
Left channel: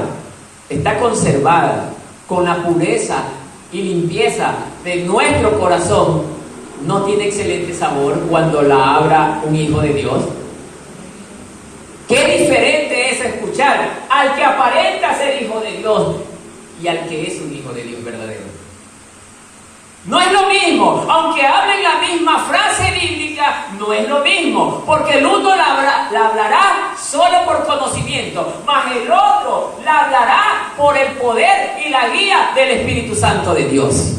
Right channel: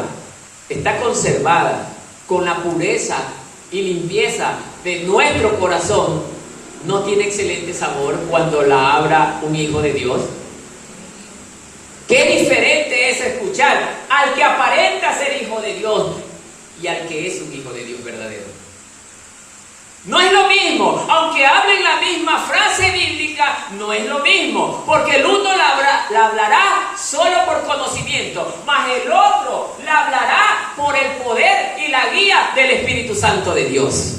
está conservada con la pureza y limpieza de nuestro corazón, ¿no tiene excelente sabor cuando la abra un hijo de Dios? Qué diferente es escuchar al que aparenta ser hijo de Dios y al que es un hijo de Dios verdadero. No es lo mismo, aunque hablen la misma frase bíblica, no es lo mismo, porque el uno la hablará solo por conocimiento, mas el otro la hablará por el poder y la guía del Espíritu Santo de Dios.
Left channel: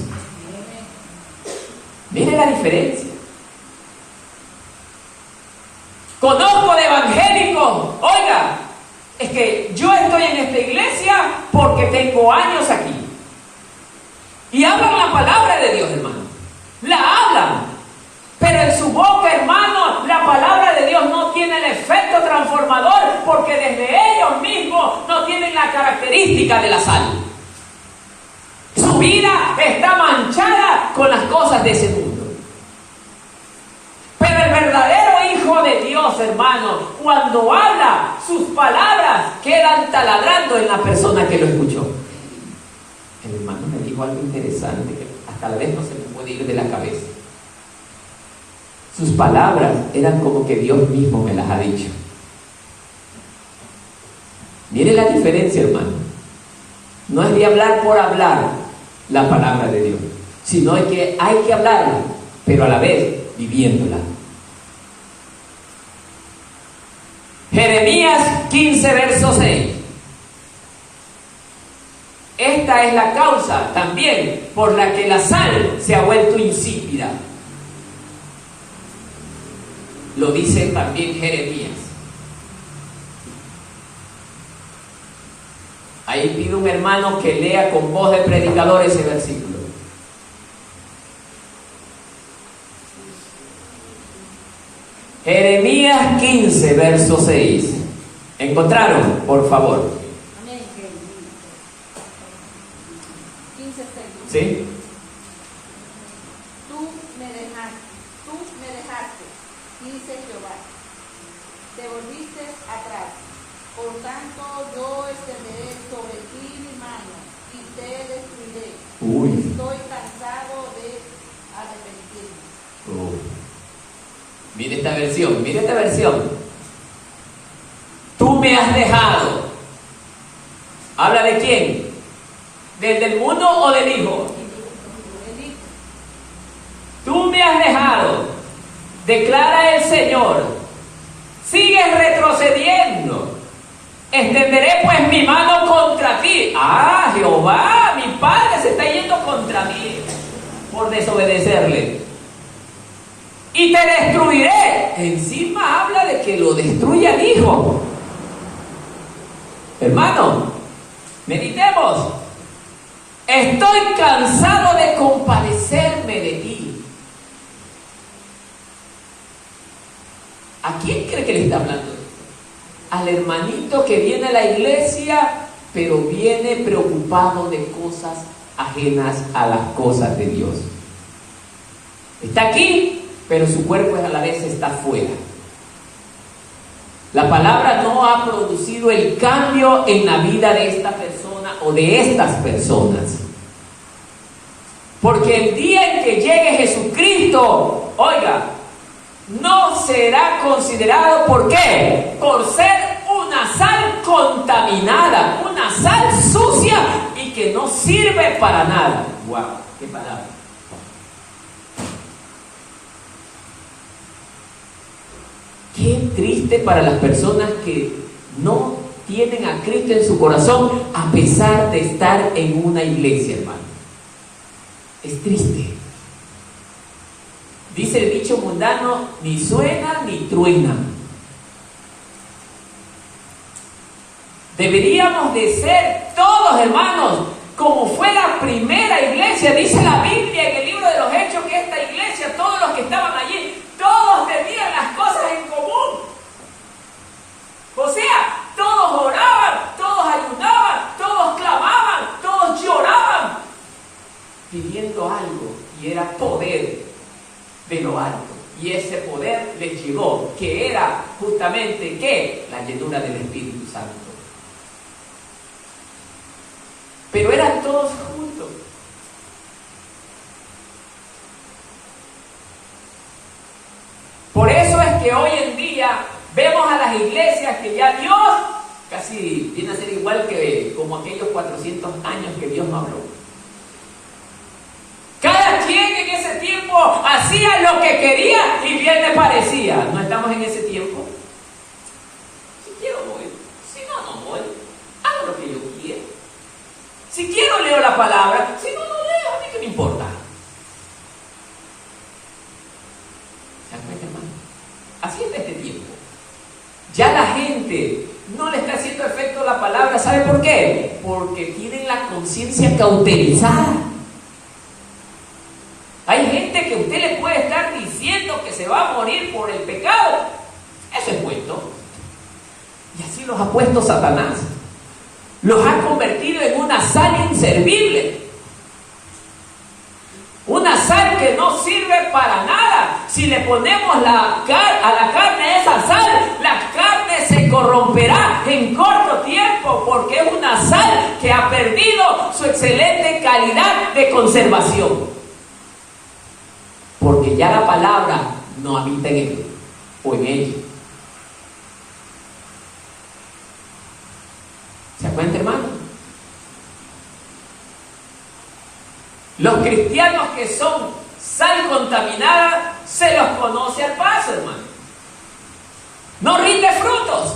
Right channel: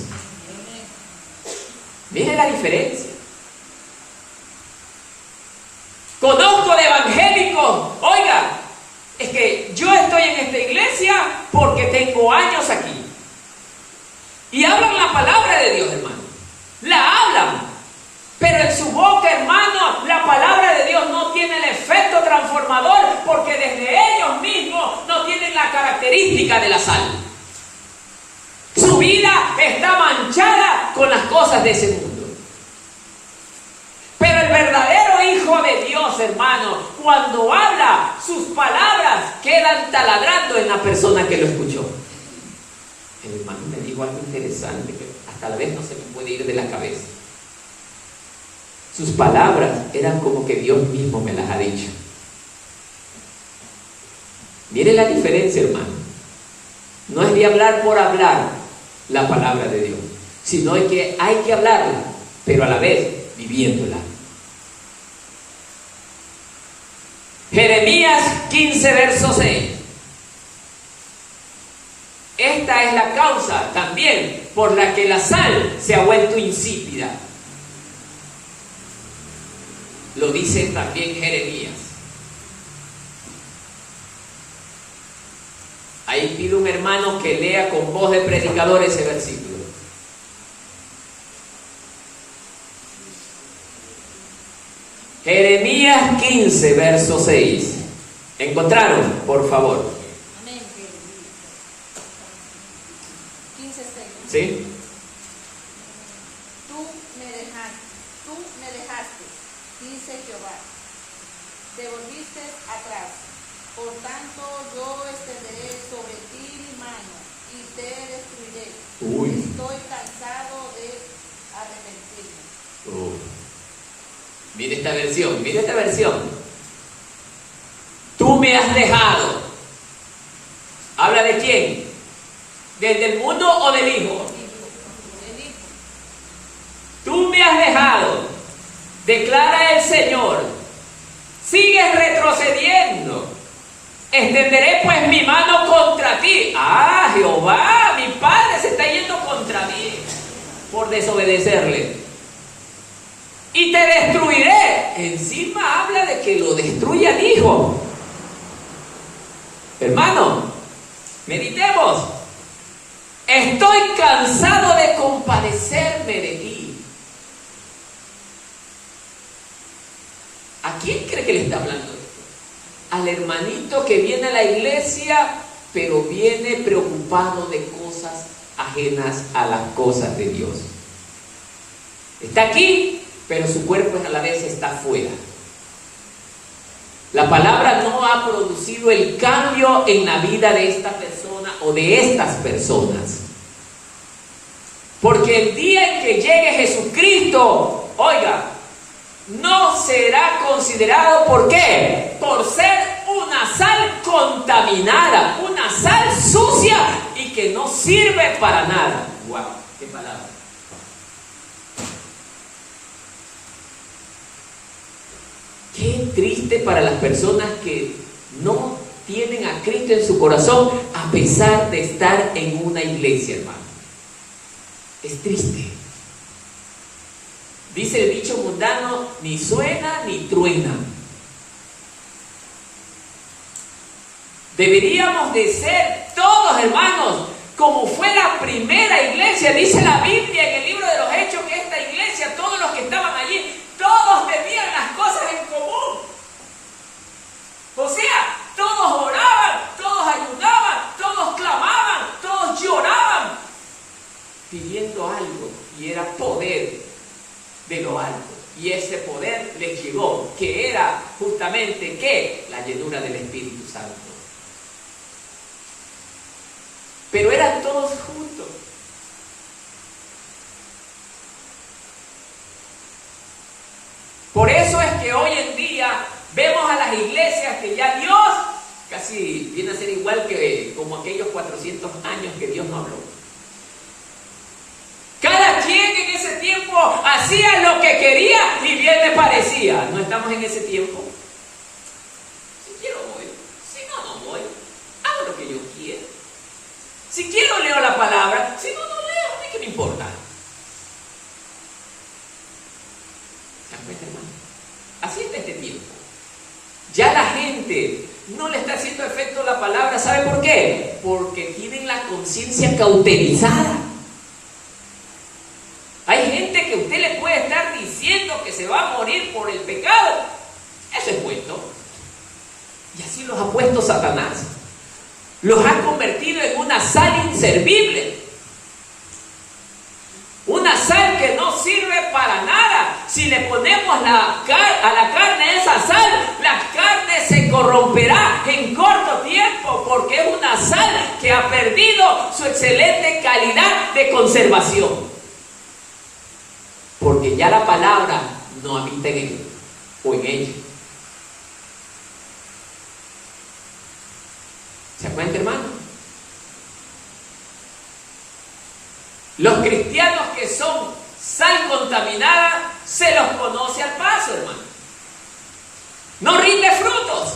Mire la diferencia. Conozco de evangélicos, oiga, es que yo estoy en esta iglesia porque tengo años aquí. Y hablan la palabra de Dios, hermano. La hablan. Pero en su boca, hermano, la palabra de Dios no tiene el efecto transformador porque desde ellos mismos no tienen la característica de la sal. Su vida está manchada con las cosas de ese mundo. Pero el verdadero Hijo de Dios, hermano, cuando habla, sus palabras quedan taladrando en la persona que lo escuchó. El hermano me dijo algo interesante que hasta la vez no se me puede ir de la cabeza. Sus palabras eran como que Dios mismo me las ha dicho. Mire la diferencia, hermano. No es de hablar por hablar la palabra de Dios, sino que hay que hablarla, pero a la vez viviéndola. Jeremías 15, verso 6. Esta es la causa también por la que la sal se ha vuelto insípida. Lo dice también Jeremías. Ahí pido un hermano que lea con voz de predicador ese versículo. Jeremías 15, verso 6. ¿Encontraron? Por favor. Amén. 15, 6. ¿Sí? Tú me dejaste, dice Jehová. Te volviste atrás. Por tanto, yo extenderé sobre ti mi mano y te destruiré. Estoy cansado de arrepentirme. Mire esta versión. Tú me has dejado. ¿Habla de quién? ¿Del mundo o del Hijo? Tú me has dejado, declara el Señor. Sigues retrocediendo. Extenderé pues mi mano contra ti. Ah, Jehová, mi Padre se está yendo contra mí por desobedecerle. Y te destruiré. Encima habla de que lo destruya al Hijo. Hermano, meditemos. Estoy cansado de compadecerme de ti. ¿A quién cree que le está hablando esto? Al hermanito que viene a la iglesia, pero viene preocupado de cosas ajenas a las cosas de Dios. Está aquí, pero su cuerpo a la vez está fuera. La palabra no ha producido el cambio en la vida de esta persona o de estas personas. Porque el día en que llegue Jesucristo, oiga, no será considerado, ¿por qué? Por ser una sal contaminada, una sal sucia y que no sirve para nada. ¡Wow! ¡Qué palabra! Qué triste para las personas que no tienen a Cristo en su corazón a pesar de estar en una iglesia, hermano. Es triste. Dice el dicho mundano, ni suena ni truena. Deberíamos de ser todos, hermanos, como fue la primera iglesia. Dice la Biblia en el libro de los Hechos que esta iglesia, todos los que estaban allí, todos tenían las cosas en común. O sea, todos oraban, todos ayunaban, todos clamaban, todos lloraban, pidiendo algo, y era poder de lo alto. Y ese poder les llegó, que era justamente, ¿qué? La llenura del Espíritu Santo. Pero eran todos juntos. Por eso es que hoy en día vemos a las iglesias que ya Dios casi viene a ser igual que como aquellos 400 años que Dios no habló. Cada quien en ese tiempo hacía lo que quería y bien le parecía. No estamos en ese tiempo. Si quiero voy, si no, no voy. Hago lo que yo quiero. Si quiero leo la palabra, si no, no leo. A mí qué me importa. ¿Se dan cuenta, hermano? Así está este tiempo. Ya la gente no le está haciendo efecto la palabra. ¿Sabe por qué? Porque tienen la conciencia cauterizada. Hay gente que usted le puede estar diciendo que se va a morir por el pecado. Eso es cuento. Y así los ha puesto Satanás. Los ha convertido en una sal inservible. Una sal que no sirve para nada. Si le ponemos a la carne esa sal, la carne se corromperá en corto tiempo, porque es una sal que ha perdido su excelente calidad de conservación. Porque ya la palabra no habita en él o en ella. ¿Se cuenta, hermano? Los cristianos que son sal contaminada se los conoce al paso, hermano. No rinde frutos.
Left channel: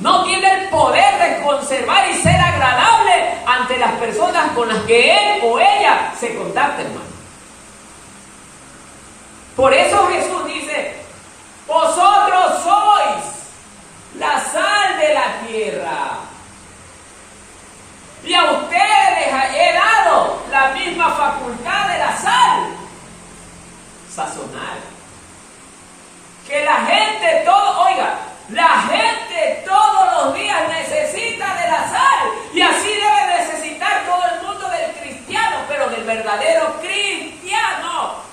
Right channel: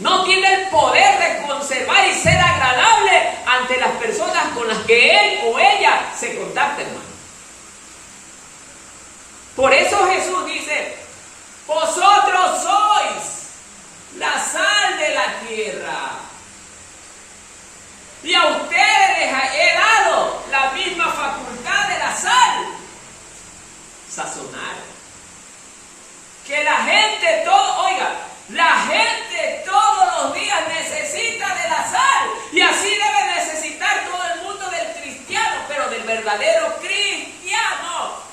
No tiene el poder de conservar y ser agradable ante las personas con las que él o ella se contacta, hermano. Por eso Jesús dice, vosotros sois la sal de la tierra. Y a ustedes les he dado la misma facultad de la sal, sazonar. Que la gente, la gente todos los días necesita de la sal. Y así debe necesitar todo el mundo del cristiano, pero del verdadero cristiano.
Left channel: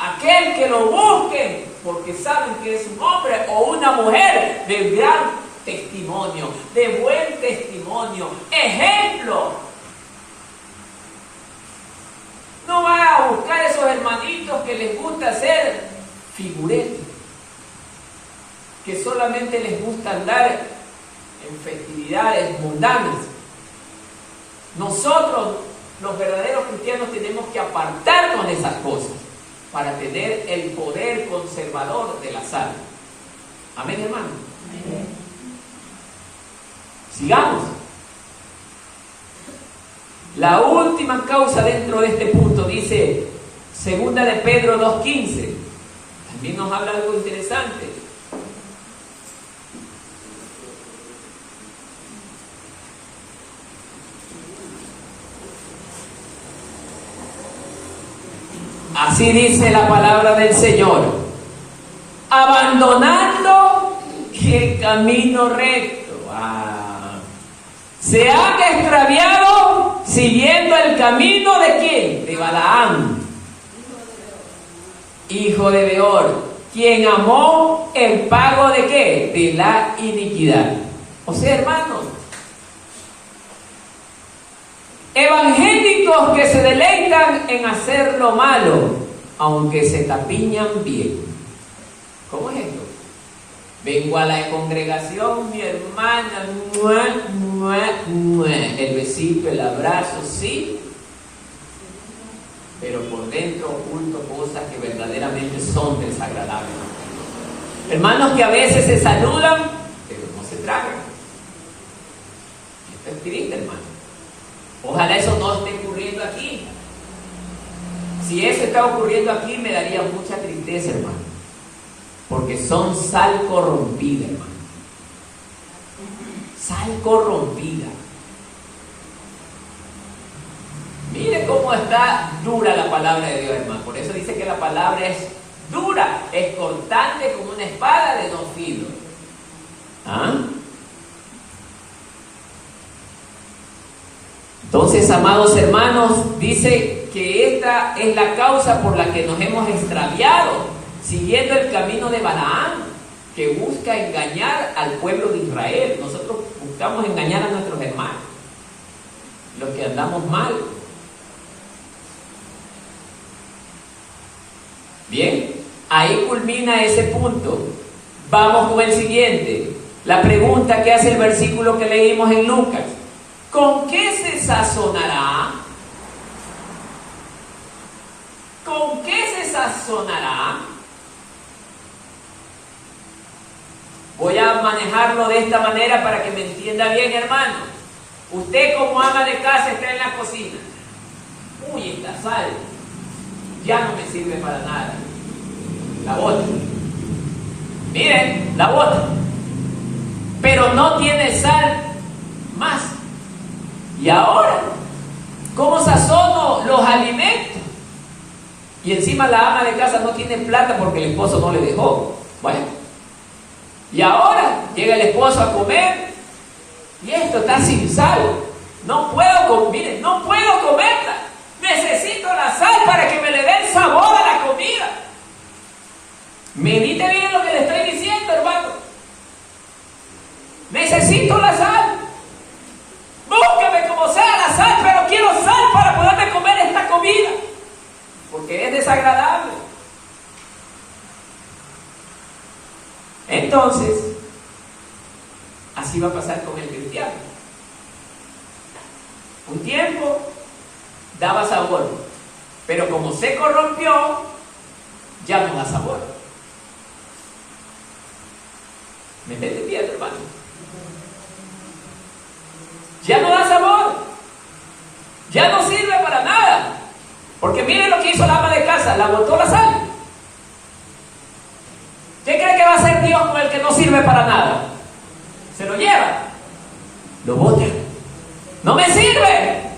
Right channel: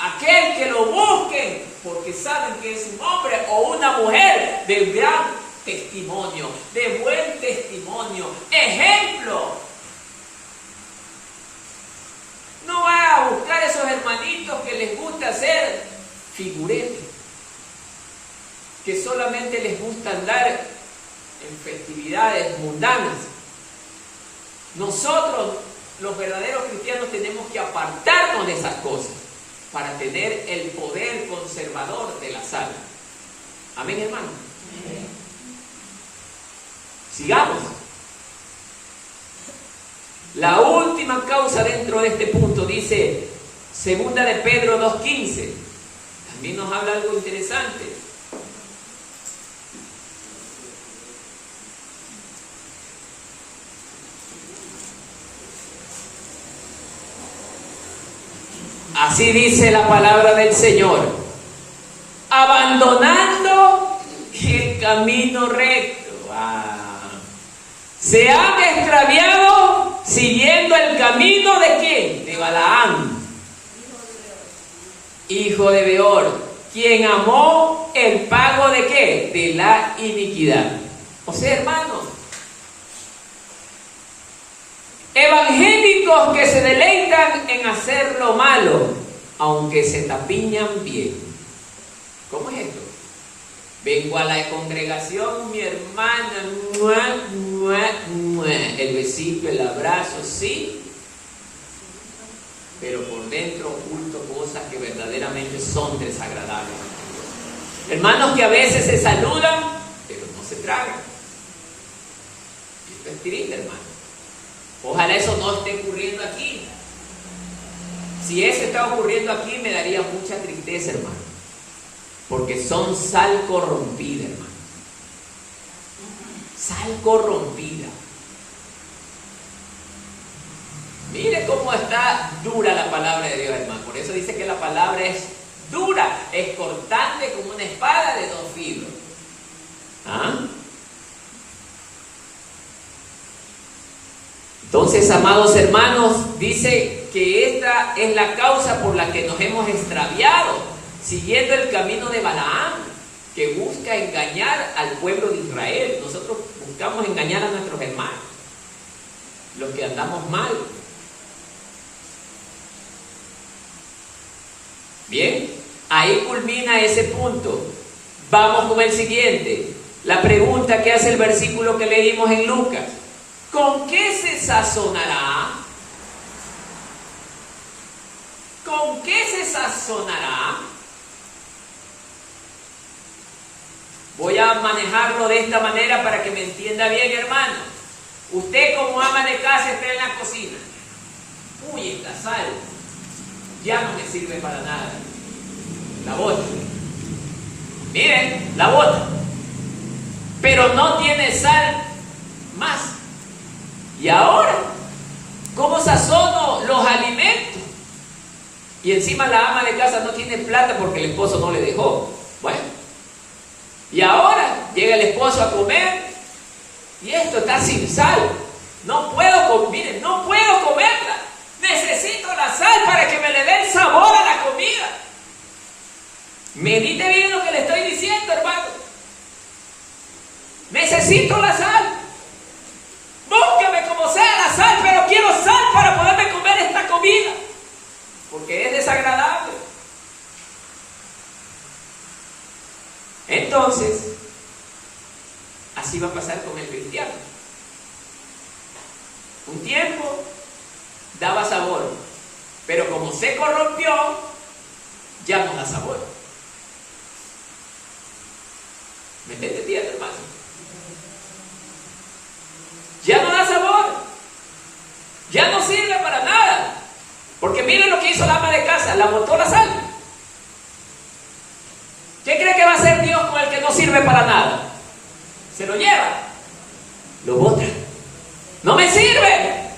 Aquel que lo busquen, porque saben que es un hombre o una mujer de gran testimonio, de buen testimonio, ejemplo. No va a buscar esos hermanitos que les gusta hacer figuretes, que solamente les gusta andar en festividades mundanas. Nosotros, los verdaderos cristianos, tenemos que apartarnos de esas cosas para tener el poder conservador de la sal. Amén, hermano. Amén. Sigamos. La última causa dentro de este punto dice, segunda de Pedro 2:15. También nos habla algo interesante. Así dice la palabra del Señor, abandonando el camino recto. Se han extraviado siguiendo el camino de ¿quién? De Balaam, hijo de Beor, quien amó el pago de ¿qué? De la iniquidad. O sea, hermanos, evangélicos que se deleitan en hacer lo malo, aunque se tapiñan bien. ¿Cómo es esto? Vengo a la congregación, mi hermana, el besito, el abrazo, sí, pero por dentro oculto cosas que verdaderamente son desagradables. Hermanos que a veces se saludan, pero no se tragan. Es triste, hermano. Ojalá eso no esté ocurriendo aquí. Si eso está ocurriendo aquí, me daría mucha tristeza, hermano. Porque son sal corrompida, hermano. Sal corrompida. Mire cómo está dura la palabra de Dios, hermano. Por eso dice que la palabra es dura, es cortante como una espada de 2 filos. ¿Ah? Entonces, amados hermanos, dice que esta es la causa por la que nos hemos extraviado, siguiendo el camino de Balaam, que busca engañar al pueblo de Israel. Nosotros buscamos engañar a nuestros hermanos, los que andamos mal. Bien, ahí culmina ese punto. Vamos con el siguiente. La pregunta que hace el versículo que leímos en Lucas: ¿con qué se sazonará? ¿Con qué se sazonará? Voy a manejarlo de esta manera para que me entienda bien, hermano. Usted, como ama de casa, está en la cocina. Uy, esta sal ya no me sirve para nada. La bota. Miren, la bota. Pero no tiene sal más. Y ahora, ¿cómo sazono los alimentos? Y encima la ama de casa no tiene plata porque el esposo no le dejó. Bueno, y ahora llega el esposo a comer y esto está sin sal. No puedo, miren, no puedo comerla. Necesito la sal para que me le dé el sabor a la comida. Medite bien lo que le estoy diciendo, hermano. Necesito la sal. Búsqueme como sea la sal, pero quiero sal para poderme comer esta comida, porque es desagradable. Entonces, así va a pasar con el cristiano. Un tiempo daba sabor, pero como se corrompió, ya no da sabor. ¿Me está entendiendo, hermano? Ya no da sabor, ya no sirve para nada, porque miren lo que hizo la ama de casa, la botó la sal. ¿Qué cree que va a hacer Dios con el que no sirve para nada? Se lo lleva, lo bota. No me sirve.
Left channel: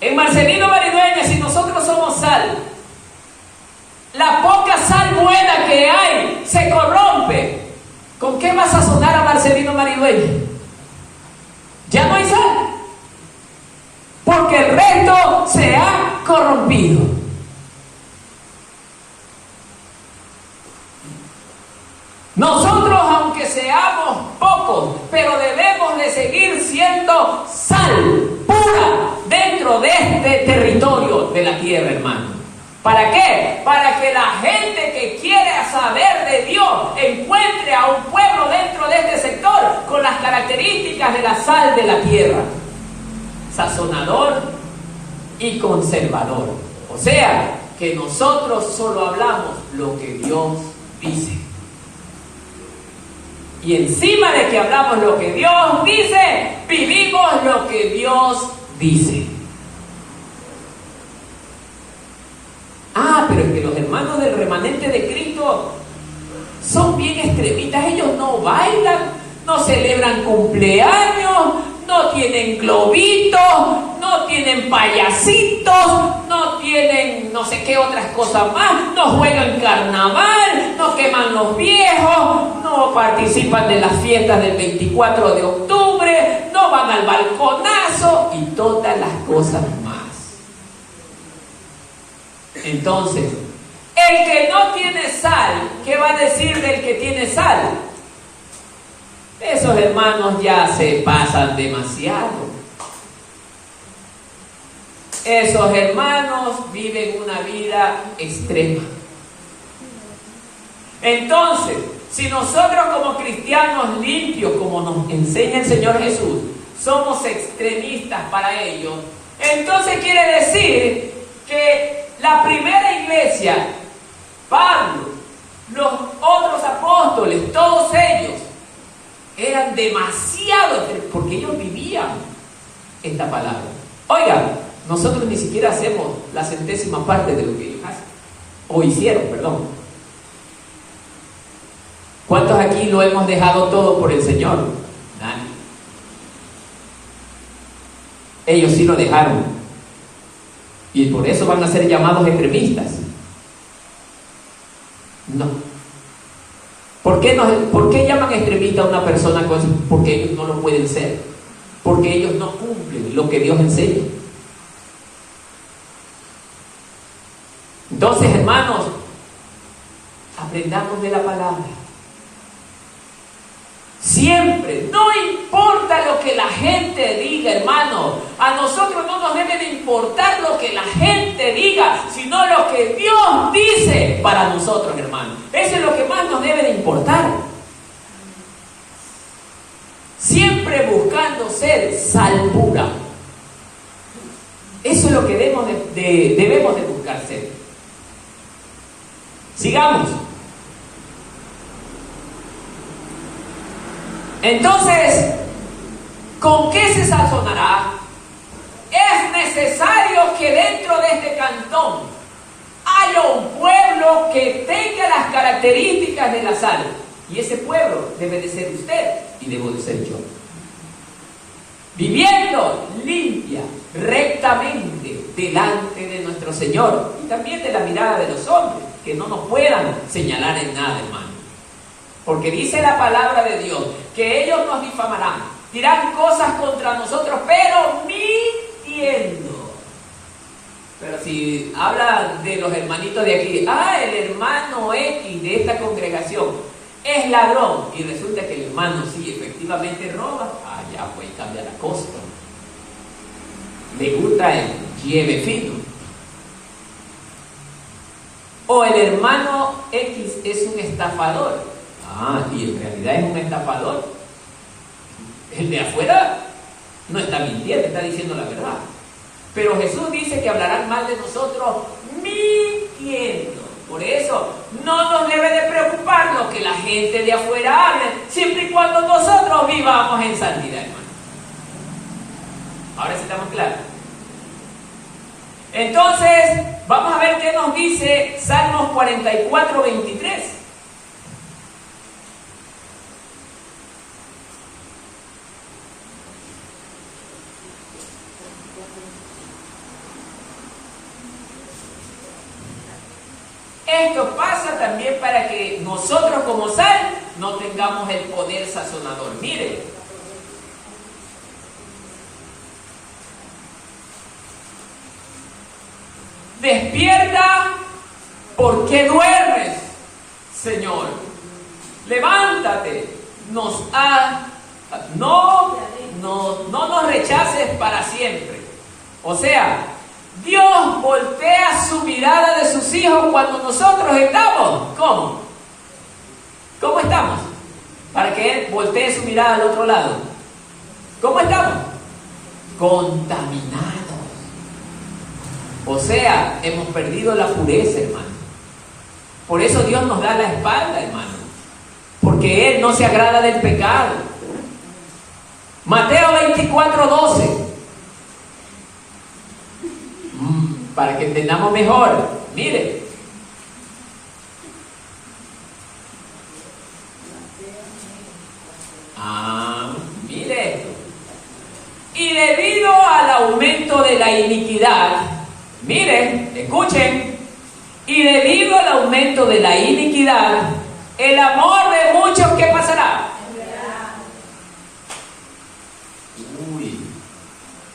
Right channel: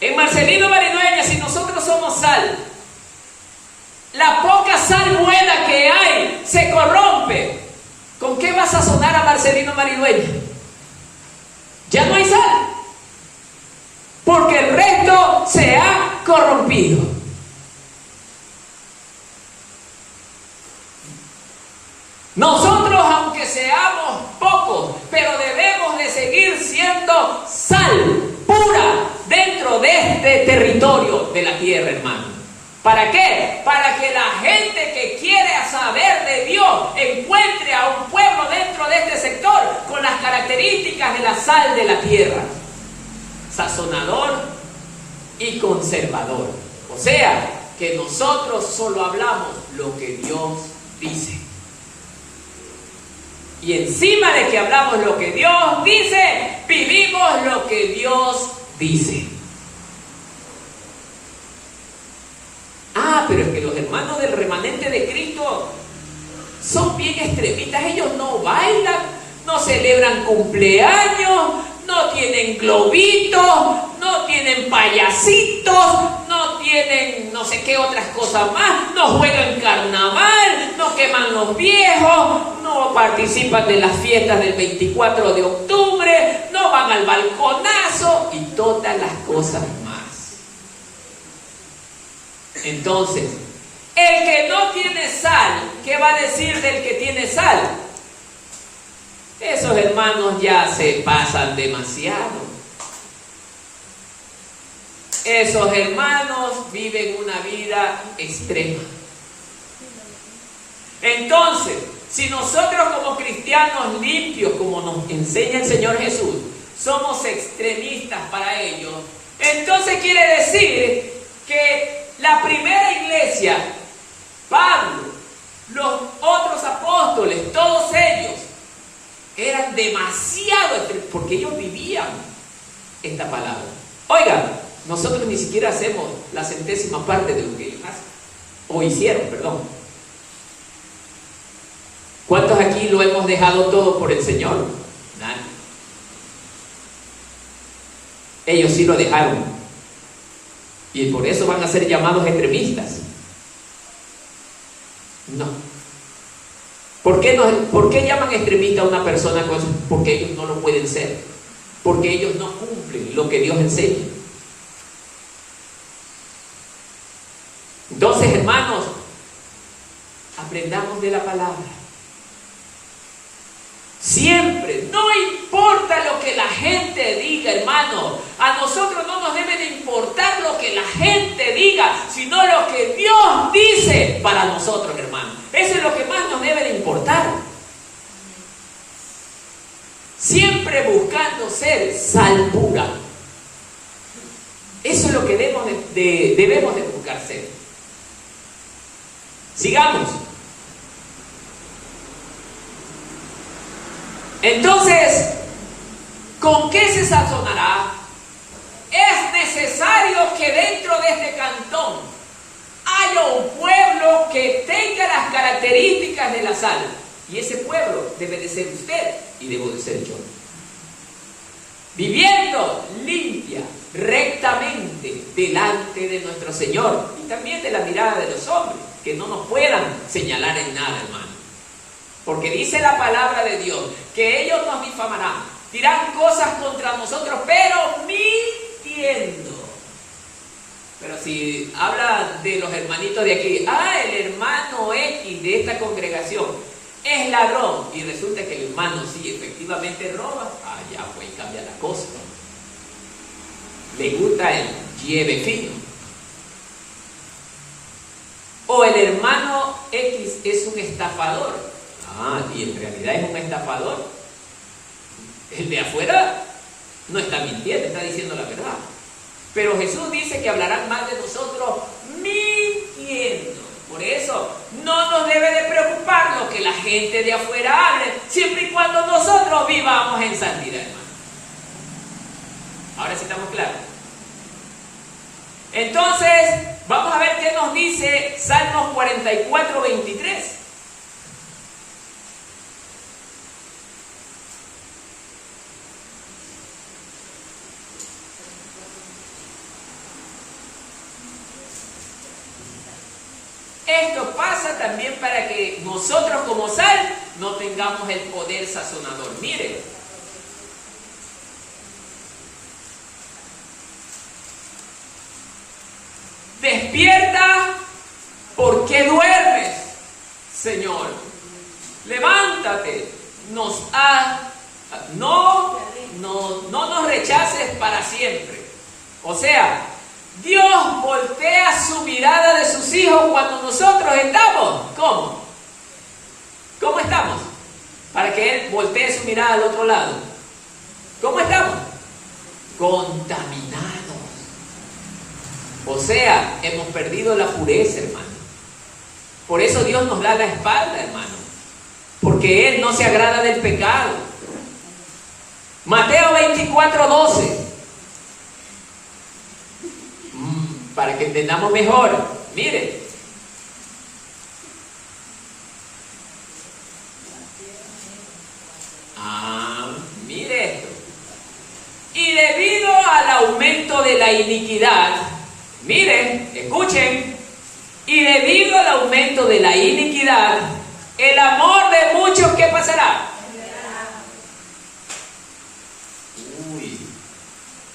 En Marcelino Maridueña, si nosotros somos sal, la poca sal buena que hay se corrompe. ¿Con qué va a sazonar a Marcelino Maridueña? Ya no hay sal, porque el resto se ha corrompido. Nosotros, aunque seamos pocos, pero debemos de seguir siendo sal pura dentro de este territorio de la tierra, hermano. ¿Para qué? Para que la gente que quiere saber de Dios encuentre a un pueblo dentro de este sector con las características de la sal de la tierra: sazonador y conservador. O sea, que nosotros solo hablamos lo que Dios dice. Y encima de que hablamos lo que Dios dice, vivimos lo que Dios dice. Pero es que los hermanos del remanente de Cristo son bien extremistas. Ellos no bailan, no celebran cumpleaños, no tienen globitos, no tienen payasitos, no tienen no sé qué otras cosas más, no juegan carnaval, no queman los viejos, no participan de las fiestas del 24 de octubre, no van al balconazo y todas las cosas más. Entonces, el que no tiene sal, ¿qué va a decir del que tiene sal? Esos hermanos ya se pasan demasiado. Esos hermanos viven una vida extrema. Entonces, si nosotros como cristianos limpios, como nos enseña el Señor Jesús, somos extremistas para ellos, entonces quiere decir que la primera iglesia, Pablo, los otros demasiado, porque ellos vivían esta palabra. Oiga, nosotros ni siquiera hacemos la centésima parte de lo que ellos hacen, o hicieron, perdón. ¿Cuántos aquí lo hemos dejado todo por el Señor? Nadie. Ellos sí lo dejaron, y por eso van a ser llamados extremistas. No. ¿Por qué llaman extremista a una persona? Porque ellos no lo pueden ser, porque ellos no cumplen lo que Dios enseña. Entonces, hermanos, aprendamos de la palabra. Siempre, no importa lo que la gente diga, hermano. A nosotros no nos debe de importar lo que la gente diga, sino lo que Dios dice para nosotros, hermano. Eso es lo que más nos debe de importar. Siempre buscando ser sal pura. Eso es lo que debemos de buscar ser. Sigamos. Entonces, ¿con qué se sazonará? Es necesario que dentro de este cantón haya un pueblo que tenga las características de la sal. Y ese pueblo debe de ser usted y debo de ser yo. Viviendo limpia, rectamente, delante de nuestro Señor. Y también de la mirada de los hombres, que no nos puedan señalar en nada, hermano. Porque dice la palabra de Dios que ellos nos difamarán, dirán cosas contra nosotros, pero mintiendo. Pero si habla de los hermanitos de aquí, el hermano X de esta congregación es ladrón, y resulta que el hermano sí efectivamente roba, ya pues cambia la cosa. Le gusta el lleve fino. O el hermano X es un estafador. Y en realidad es un estafador. El de afuera no está mintiendo, está diciendo la verdad. Pero Jesús dice que hablarán mal de nosotros mintiendo. Por eso no nos debe de preocupar lo que la gente de afuera hable, siempre y cuando nosotros vivamos en santidad, hermano. Ahora sí estamos claros. Entonces, vamos a ver qué nos dice Salmos 44, 23. Esto pasa también para que nosotros como sal no tengamos el poder sazonador. Mire, despierta, ¿por qué duermes, Señor? Levántate, no nos rechaces para siempre. O sea, Dios voltea su mirada de sus hijos cuando nosotros estamos. ¿Cómo? ¿Cómo estamos? Para que Él voltee su mirada al otro lado. ¿Cómo estamos? Contaminados. O sea, hemos perdido la pureza, hermano. Por eso Dios nos da la espalda, hermano. Porque Él no se agrada del pecado. Mateo 24, 12. Para que entendamos mejor. Mire. Mire esto. Y debido al aumento de la iniquidad, miren, escuchen, y debido al aumento de la iniquidad, el amor de muchos, ¿qué pasará?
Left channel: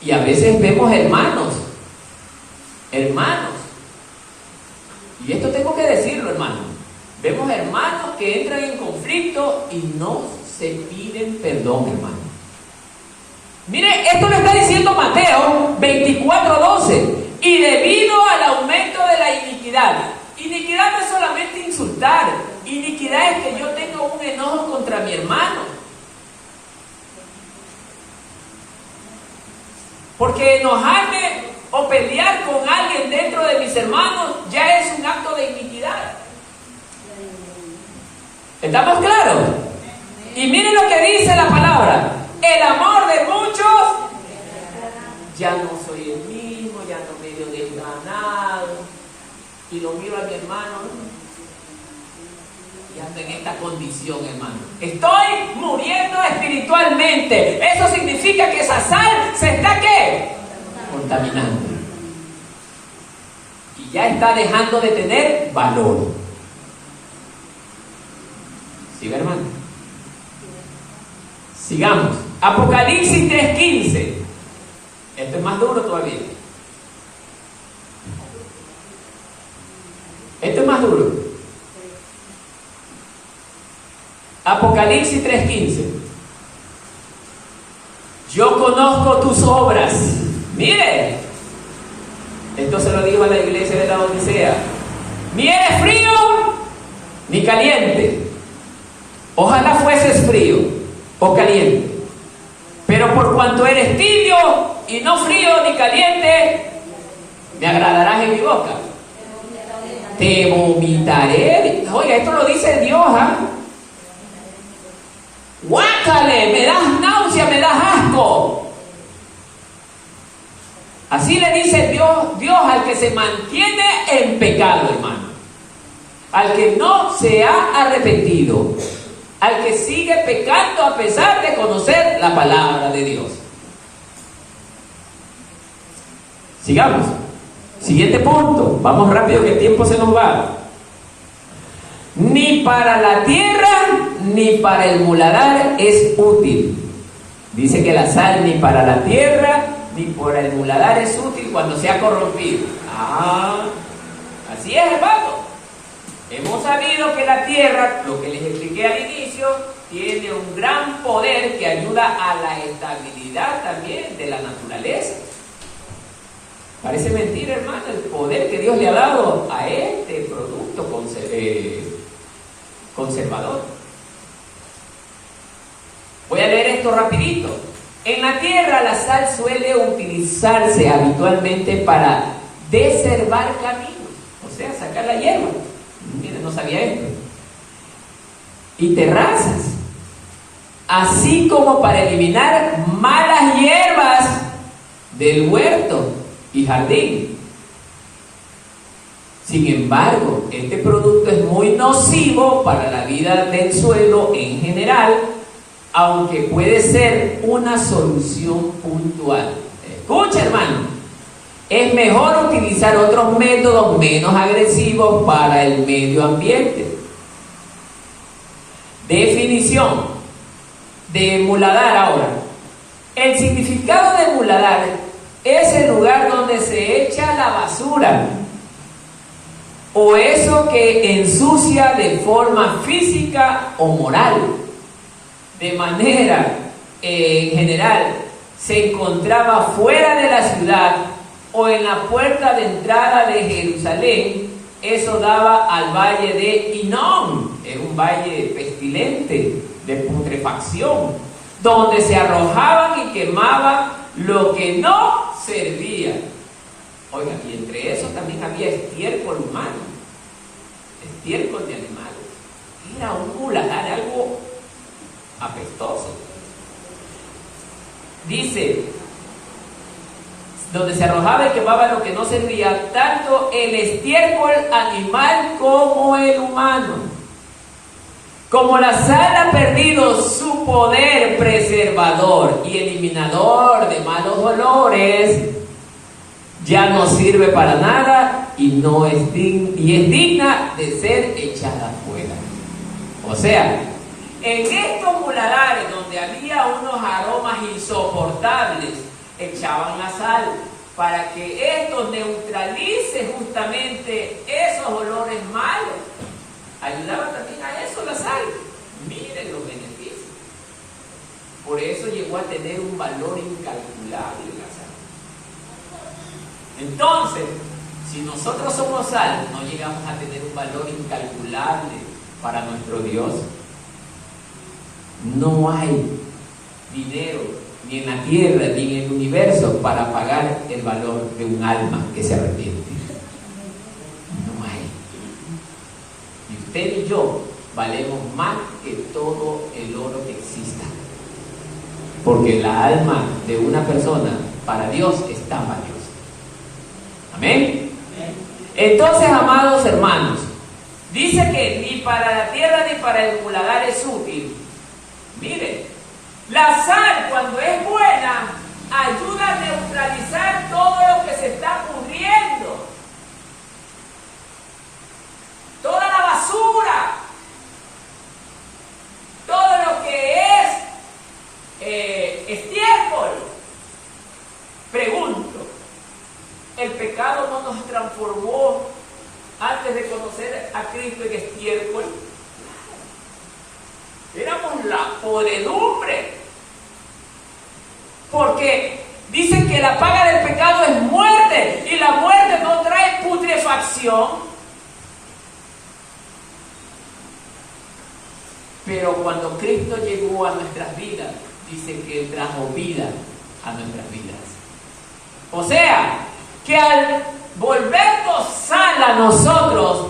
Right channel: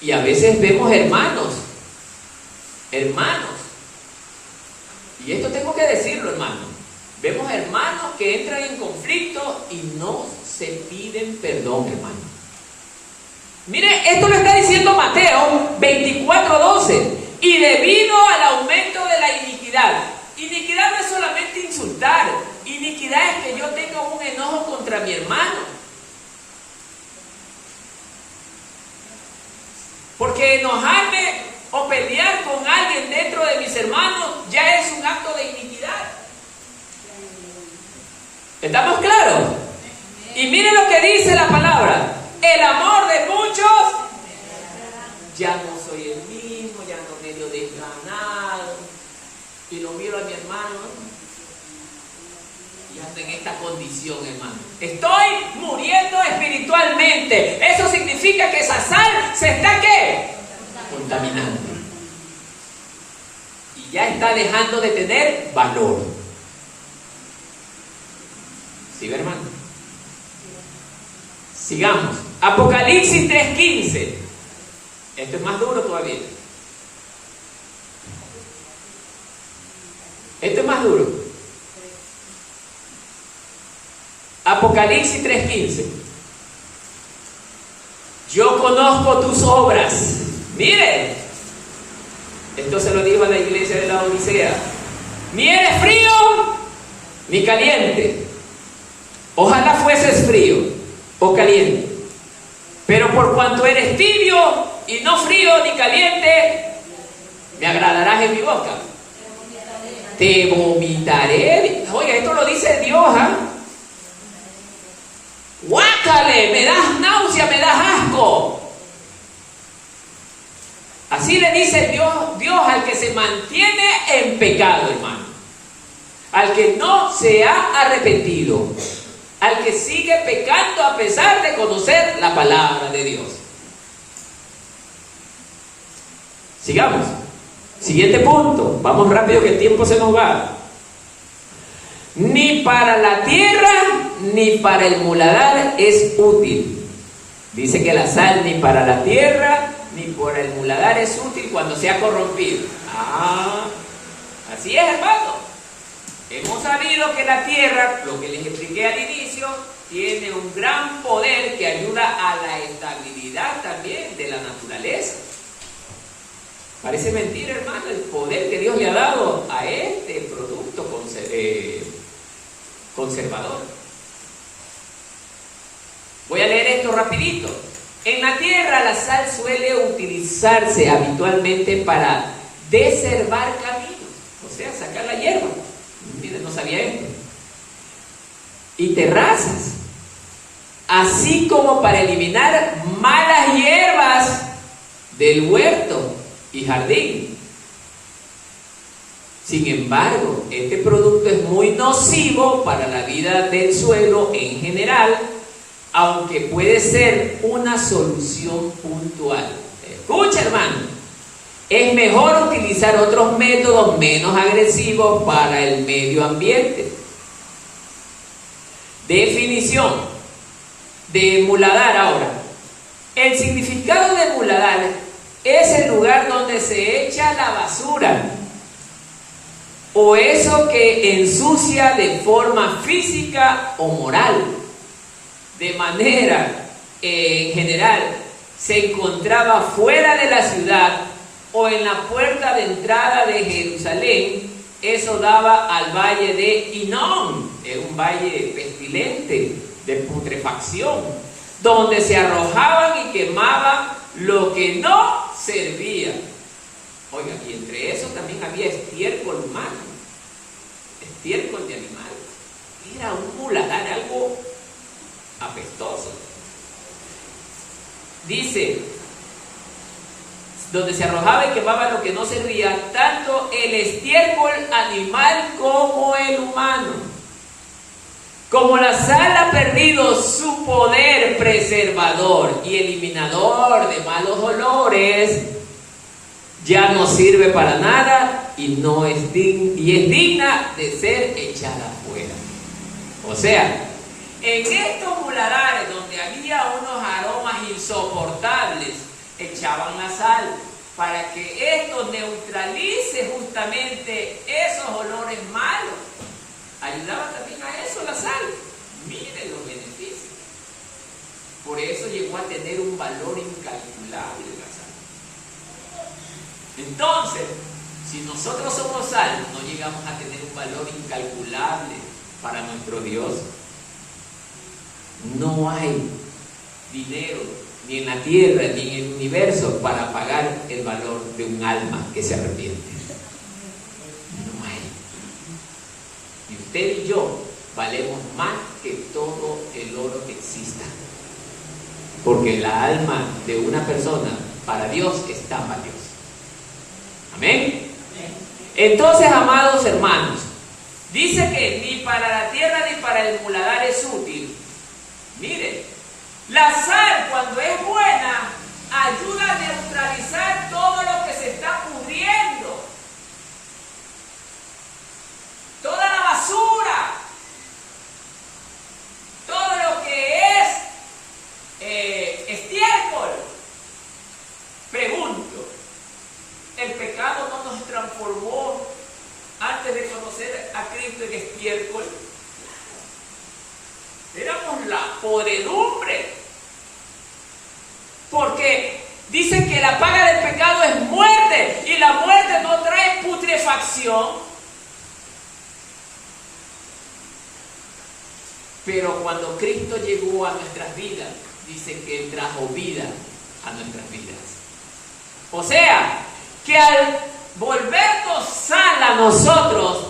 Y a veces vemos hermanos, y esto tengo que decirlo, hermano, vemos hermanos que entran en conflicto y no se piden perdón, hermano. Mire, esto lo está diciendo Mateo 24, 12. Y debido al aumento de la iniquidad. Iniquidad no es solamente insultar. Iniquidad es que yo tenga un enojo contra mi hermano. Porque enojarme o pelear con alguien dentro de mis hermanos ya es un acto de iniquidad. ¿Estamos claros? Y miren lo que dice la palabra. El amor de muchos, ya no soy el mismo, ya no medio desganado. Y lo miro a mi hermano y ando en esta condición, hermano. Estoy muriendo espiritualmente. Eso significa que esa sal se está, ¿qué? Contaminando. Y ya está dejando de tener valor. ¿Sí, hermano? Sigamos. Apocalipsis 3:15. Esto es más duro todavía. Esto es más duro. Apocalipsis 3:15. Yo conozco tus obras. Mire, esto se lo dijo a la iglesia de la Odisea. Ni eres frío ni caliente. Ojalá fueses frío o caliente. Pero por cuanto eres tibio y no frío ni caliente, me agradarás en mi boca. Te vomitaré. Oiga, esto lo dice Dios, ¿ah? Guácale, me das náusea, me das asco. Así le dice Dios al que se mantiene en pecado, hermano. Al que no se ha arrepentido. Al que sigue pecando a pesar de conocer la palabra de Dios. Sigamos. Siguiente punto. Vamos rápido que el tiempo se nos va. Ni para la tierra ni para el muladar es útil. Dice que la sal ni para la tierra ni para el muladar es útil cuando se ha corrompido. Así es, hermano. Hemos sabido que la tierra, lo que les expliqué al inicio, tiene un gran poder que ayuda a la estabilidad también de la naturaleza. Parece mentira, hermano, el poder que Dios le ha dado a este producto conservador. Voy a leer esto rapidito. En la tierra la sal suele utilizarse habitualmente para deservar caminos, o sea, sacar la hierba. Miren, no sabía esto. Y terrazas, así como para eliminar malas hierbas del huerto y jardín. Sin embargo, este producto es muy nocivo para la vida del suelo en general, aunque puede ser una solución puntual. Escucha, hermano. Es mejor utilizar otros métodos menos agresivos para el medio ambiente. Definición de muladar ahora. El significado de muladar es el lugar donde se echa la basura o eso que ensucia de forma física o moral. De manera en general se encontraba fuera de la ciudad o en la puerta de entrada de Jerusalén. Eso daba al valle de Hinnom, era un valle pestilente, de putrefacción, donde se arrojaban y quemaban lo que no servía. Oigan, y entre eso también había estiércol humano, estiércol de animales. Era un muladar, algo apestoso. Dice, donde se arrojaba y quemaba lo que no servía, tanto el estiércol animal como el humano. Como la sal ha perdido su poder preservador y eliminador de malos olores, ya no sirve para nada y es digna de ser echada fuera. O sea, en estos muladares donde había unos aromas insoportables, echaban la sal para que esto neutralice justamente esos olores malos. Ayudaba también a eso la sal. Miren los beneficios. Por eso llegó a tener un valor incalculable la sal. Entonces, si nosotros somos sal, no llegamos a tener un valor incalculable para nuestro Dios. No hay dinero ni en la tierra ni en el universo para pagar el valor de un alma que se arrepiente. No hay. Y usted y yo valemos más que todo el oro que exista. Porque la alma de una persona para Dios está valiosa. Amén. Entonces, amados hermanos, dice que ni para la tierra ni para el muladar es útil. Mire, la sal cuando es buena ayuda a neutralizar todo lo que se está pudriendo, toda la basura, todo lo que es estiércol. Pregunto, ¿el pecado no nos transformó antes de conocer a Cristo en estiércol? Éramos la podredumbre. Porque dicen que la paga del pecado es muerte, y la muerte no trae putrefacción. Pero cuando Cristo llegó a nuestras vidas, dicen que Él trajo vida a nuestras vidas. O sea, que al volvernos sal a nosotros,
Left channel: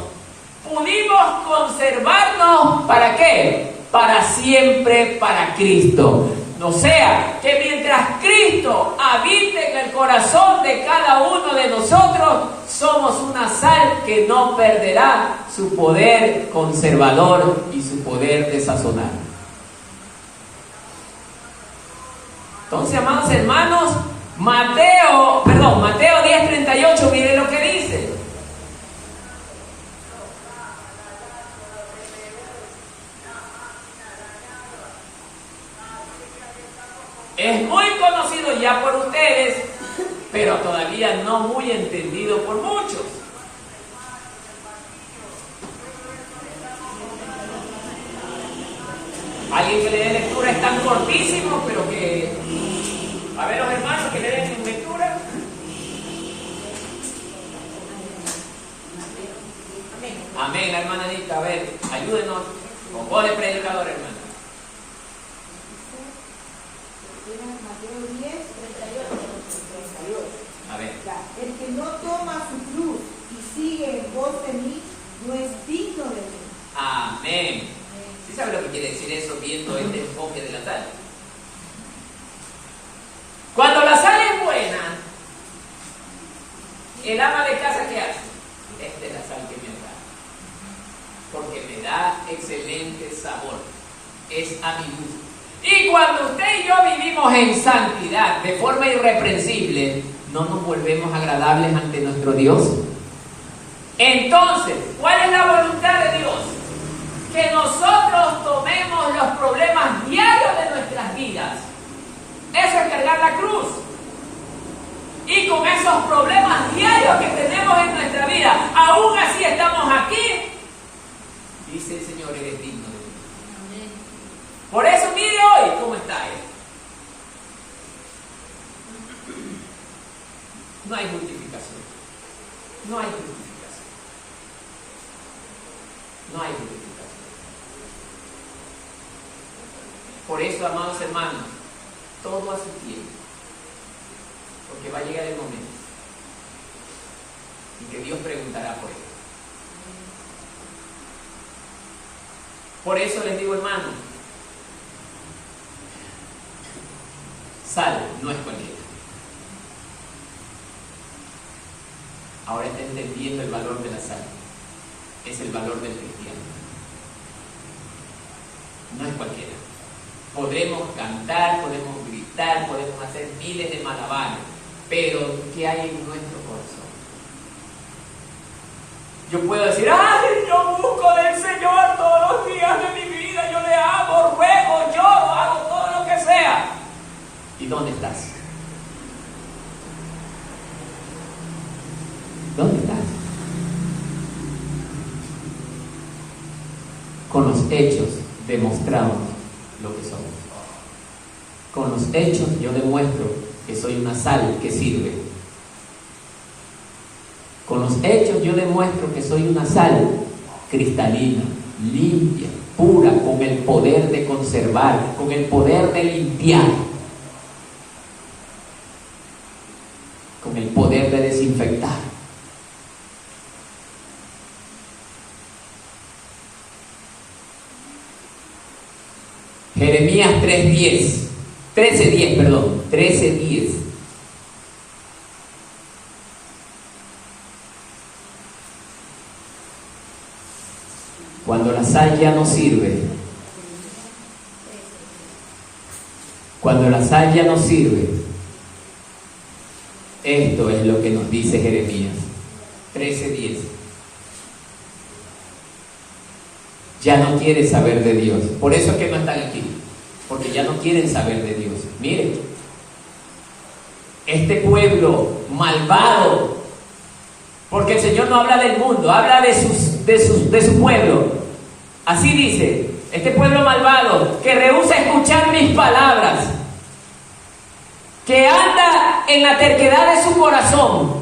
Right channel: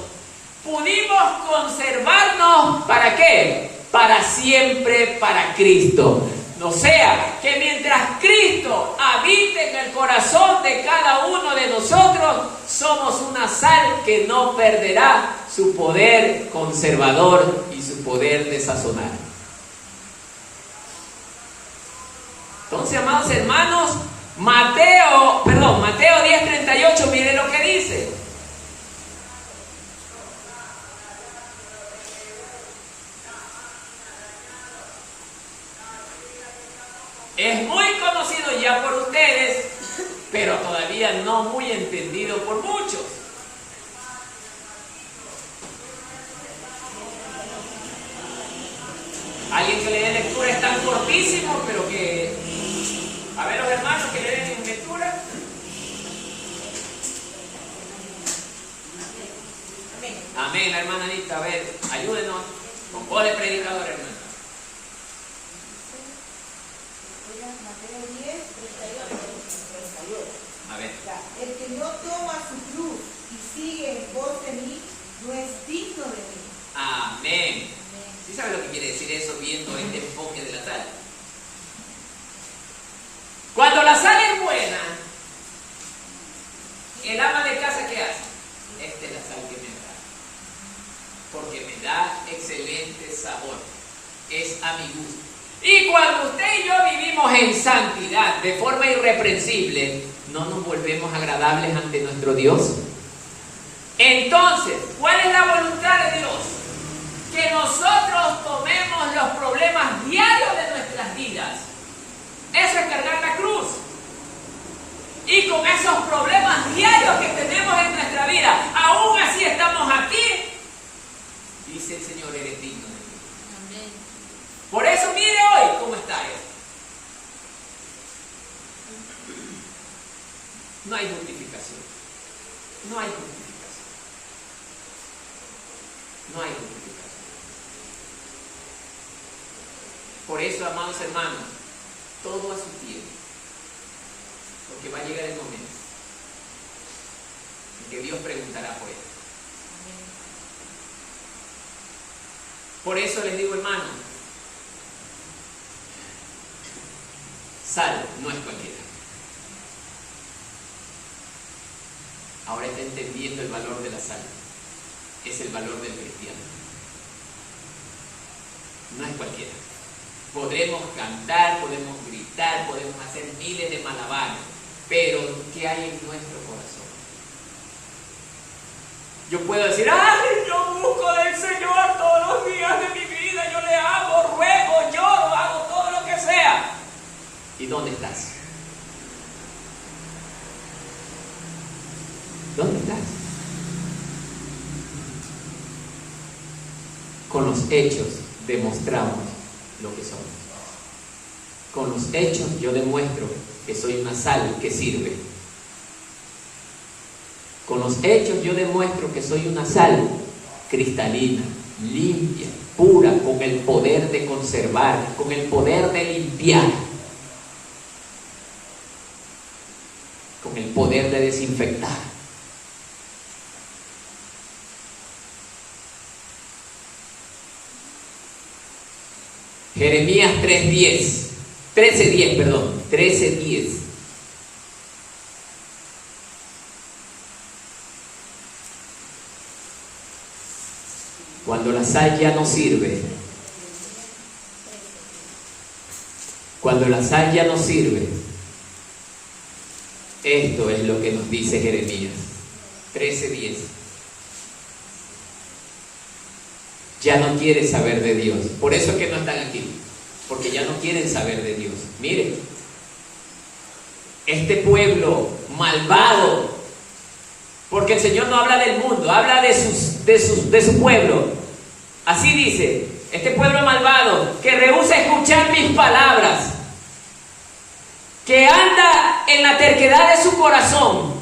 pudimos conservarnos, ¿para qué? Para siempre, para Cristo. O sea, que mientras Cristo habite en el corazón de cada uno de nosotros, somos una sal que no perderá su poder conservador y su poder de sazonar. Entonces, amados hermanos, Mateo 10:38, miren lo que dice. Es muy conocido ya por ustedes, pero todavía no muy entendido por muchos. Alguien que le dé lectura es tan cortísimo, pero que... A ver, los hermanos que le den lectura. Amén, la hermana Anita. A ver, ayúdenos. Con voz de predicador, hermana. Mateo 10, 38. A ver. El que no toma su cruz y sigue en pos de mí, no es digno de mí. Amén. ¿Sí sabe lo que quiere decir eso viendo este enfoque de la sal? Cuando la sal es buena, el ama de casa, ¿qué hace? Esta es la sal que me agrada, porque me da excelente sabor, es a mi gusto. Y cuando usted y yo vivimos en santidad, de forma irreprensible, ¿no nos volvemos agradables ante nuestro Dios? Entonces, ¿cuál es la voluntad de Dios? Que nosotros tomemos los problemas diarios de nuestras vidas. Eso es cargar la cruz. Y con esos problemas diarios que tenemos en nuestra vida, aún así estamos aquí, dice el Señor, eres digno de mí. Por eso mire hoy cómo está Él. No hay justificación. No hay justificación. No hay justificación. Por eso, amados hermanos, todo a su tiempo. Porque va a llegar el momento en que Dios preguntará por él. Por eso les digo, hermano, sal no es cualquiera. Ahora está entendiendo el valor de la sal. Es el valor del cristiano. No es cualquiera. Podremos cantar, podemos gritar, podemos hacer miles de malabares, pero ¿qué hay en nuestro corazón? Yo puedo decir, ¡ay, yo busco del Señor todos los días de mi vida! Yo le amo, ruego, lloro, hago todo lo que sea. ¿Y dónde estás? ¿Dónde estás? Con los hechos demostramos lo que somos. Con los hechos yo demuestro que soy una sal que sirve. Con los hechos yo demuestro que soy una sal cristalina, limpia, pura, con el poder de conservar, con el poder de limpiar, con el poder de desinfectar. Jeremías 13:10, perdón, 13:10. Cuando la sal ya no sirve, cuando la sal ya no sirve, esto es lo que nos dice Jeremías 13:10. Ya no quiere saber de Dios. Por eso es que no están aquí, porque ya no quieren saber de Dios. Miren, este pueblo malvado, porque el Señor no habla del mundo, habla de su pueblo. Así dice, este pueblo malvado que rehúsa escuchar mis palabras, que anda en la terquedad de su corazón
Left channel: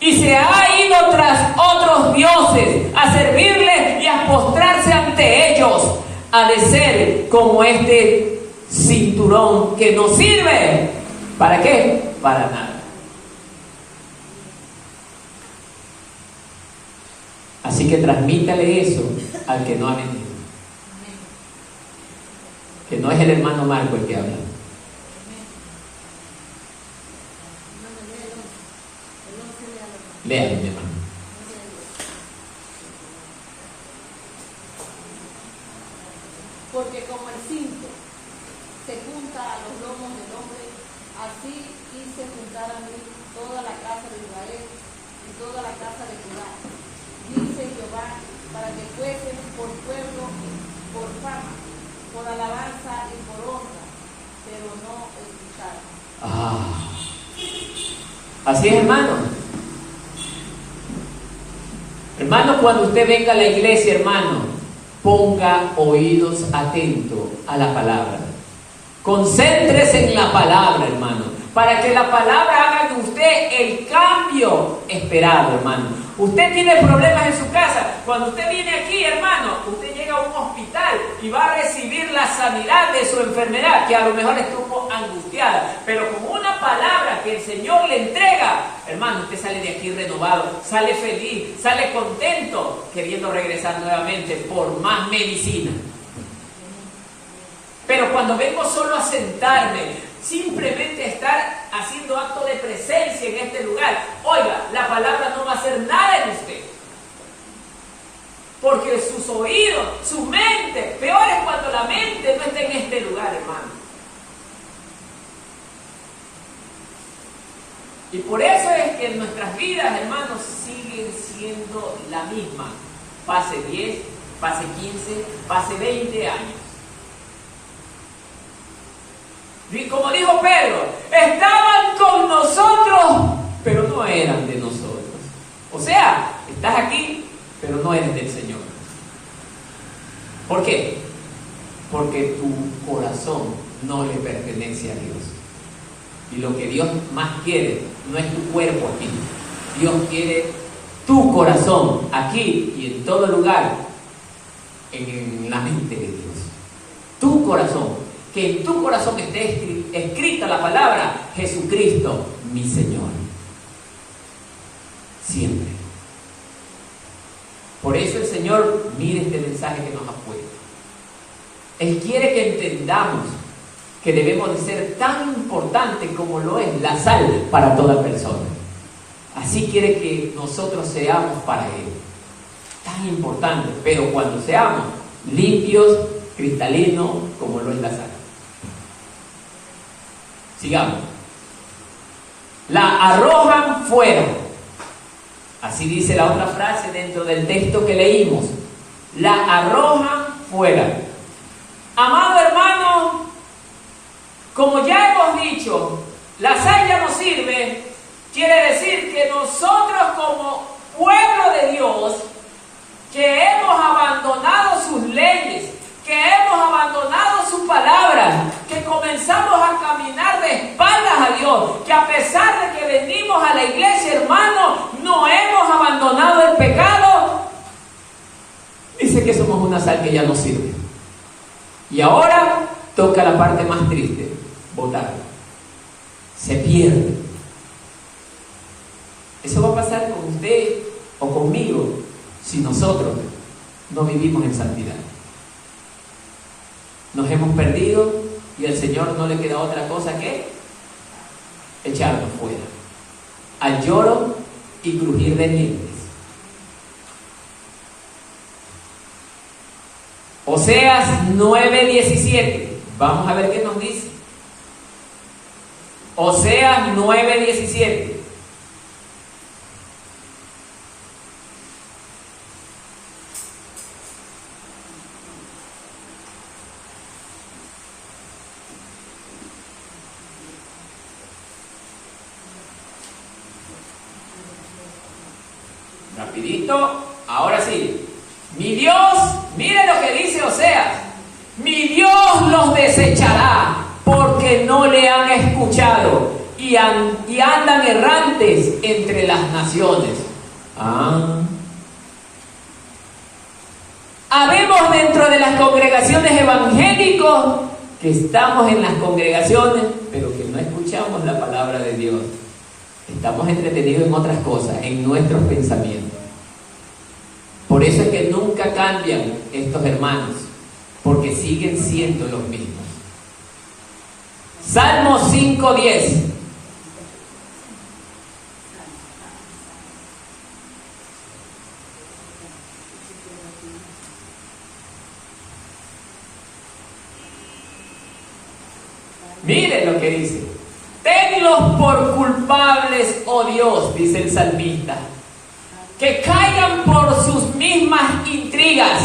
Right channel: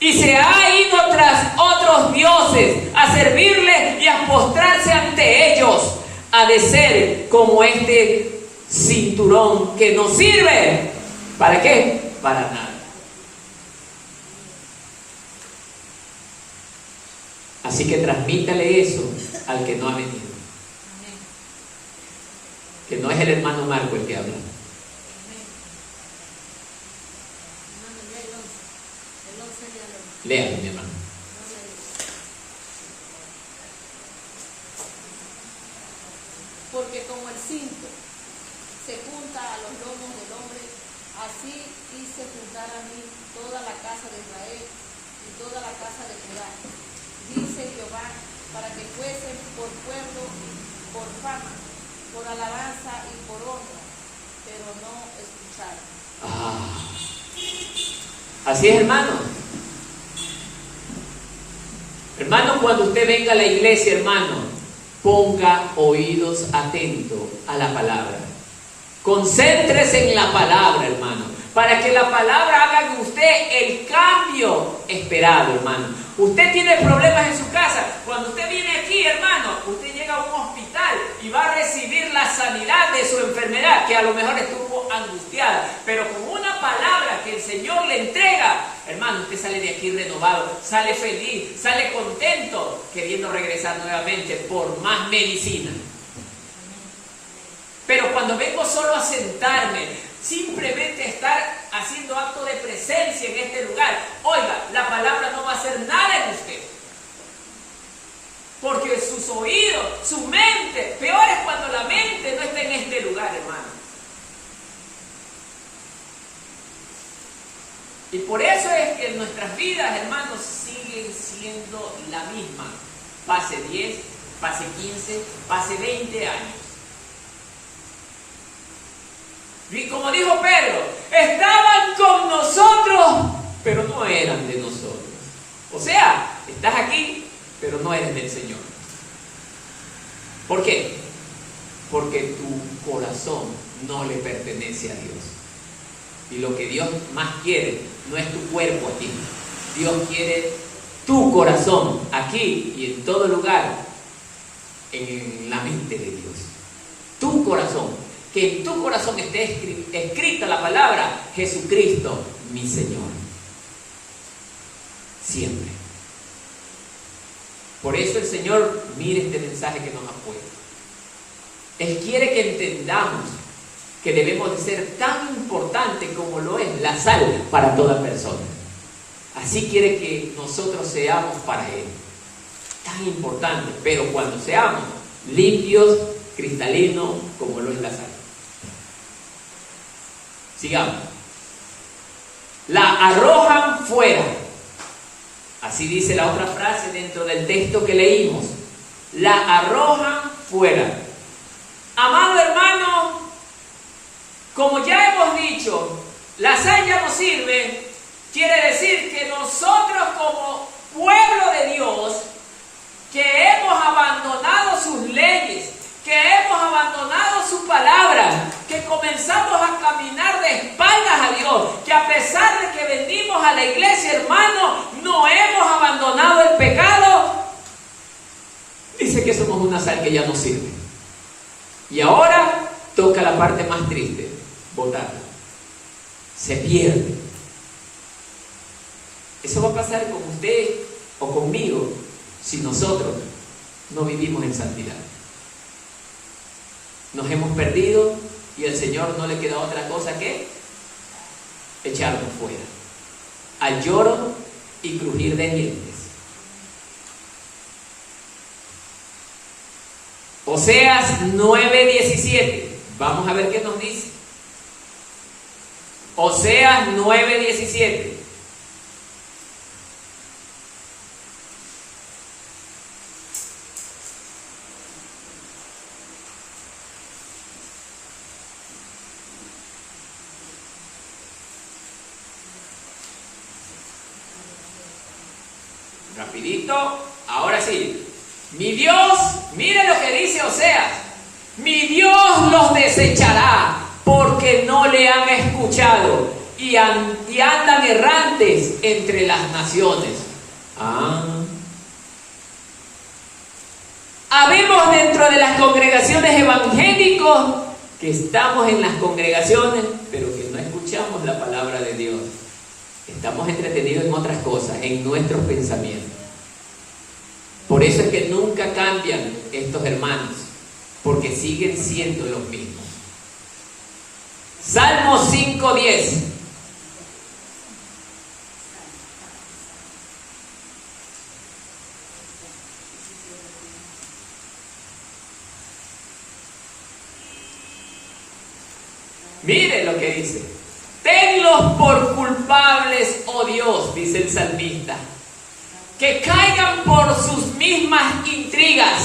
y se ha ido tras otros dioses a servirles y a postrarse ante ellos, ha de ser como este cinturón que no sirve. ¿Para qué? Para nada. Así que transmítale eso al que no ha venido. Que no es el hermano Marco el que habla. Lean, mi hermano. Porque como el cinto se junta a los lomos del hombre, así hice juntar a mí toda la casa de Israel y toda la casa de Judá, dice Jehová, para que fuesen por pueblo, por fama, por alabanza y por honra, pero no escucharon. Así es, hermano. Hermano, cuando usted venga a la iglesia, hermano, ponga oídos atentos a la palabra. Concéntrese en la palabra, hermano, para que la palabra haga de usted el cambio esperado, hermano. Usted tiene problemas en su casa. Cuando usted viene aquí, hermano, usted llega a un hospital y va a recibir la sanidad de su enfermedad, que a lo mejor estuvo angustiada, pero con una palabra que el Señor le entrega, hermano, usted sale de aquí renovado, sale feliz, sale contento, queriendo regresar nuevamente por más medicina. Pero cuando vengo solo a sentarme, simplemente estar haciendo acto de presencia en este lugar, oiga, la palabra no va a hacer nada en usted. Porque sus oídos, su mente, peor es cuando la mente no está en este lugar, hermano. Y por eso es que nuestras vidas, hermanos, siguen siendo la misma. Pase 10, pase 15, pase 20 años. Y como dijo Pedro, estaban con nosotros, pero no eran de nosotros. O sea, estás aquí, pero no eres del Señor. ¿Por qué? Porque tu corazón no le pertenece a Dios. Y lo que Dios más quiere no es tu cuerpo aquí. Dios quiere tu corazón aquí y en todo lugar, en la mente de Dios. Tu corazón. Que en tu corazón esté escrita la palabra Jesucristo, mi Señor. Siempre. Por eso el Señor, mire este mensaje que nos ha puesto. Él quiere que entendamos que debemos de ser tan importantes como lo es la sal para toda persona. Así quiere que nosotros seamos para Él. Tan importantes, pero cuando seamos limpios, cristalinos, como lo es la sal. Sigamos. La arrojan fuera. Así dice la otra frase dentro del texto que leímos. La arrojan fuera. Amado hermano, como ya hemos dicho, la sal ya no sirve. Quiere decir que nosotros como pueblo de Dios, que hemos abandonado sus leyes, que hemos abandonado su palabra, que comenzamos a caminar de espaldas a Dios, que a pesar de que venimos a la iglesia, hermano, no hemos abandonado el pecado. Dice que somos una sal que ya no sirve. Y ahora toca la parte más triste, botarla. Se pierde. Eso va a pasar con usted o conmigo si nosotros no vivimos en santidad. Nos hemos perdido y al Señor no le queda otra cosa que echarnos fuera, al lloro y crujir de dientes. Oseas 9:17. Vamos a ver qué nos dice. Oseas 9:17. Rapidito, ahora sí. Mi Dios, mire lo que dice Oseas. Mi Dios los desechará porque no le han escuchado y andan errantes entre las naciones. Habemos dentro de las congregaciones evangélicos que estamos en las congregaciones, pero que no escuchamos la palabra de Dios. Estamos entretenidos en otras cosas, en nuestros pensamientos. Por eso es que nunca cambian estos hermanos, porque siguen siendo los mismos. Salmo 5:10. Miren lo que dice. Tenlos por culpables, oh Dios, dice el salmista, que caigan por sus mismas intrigas.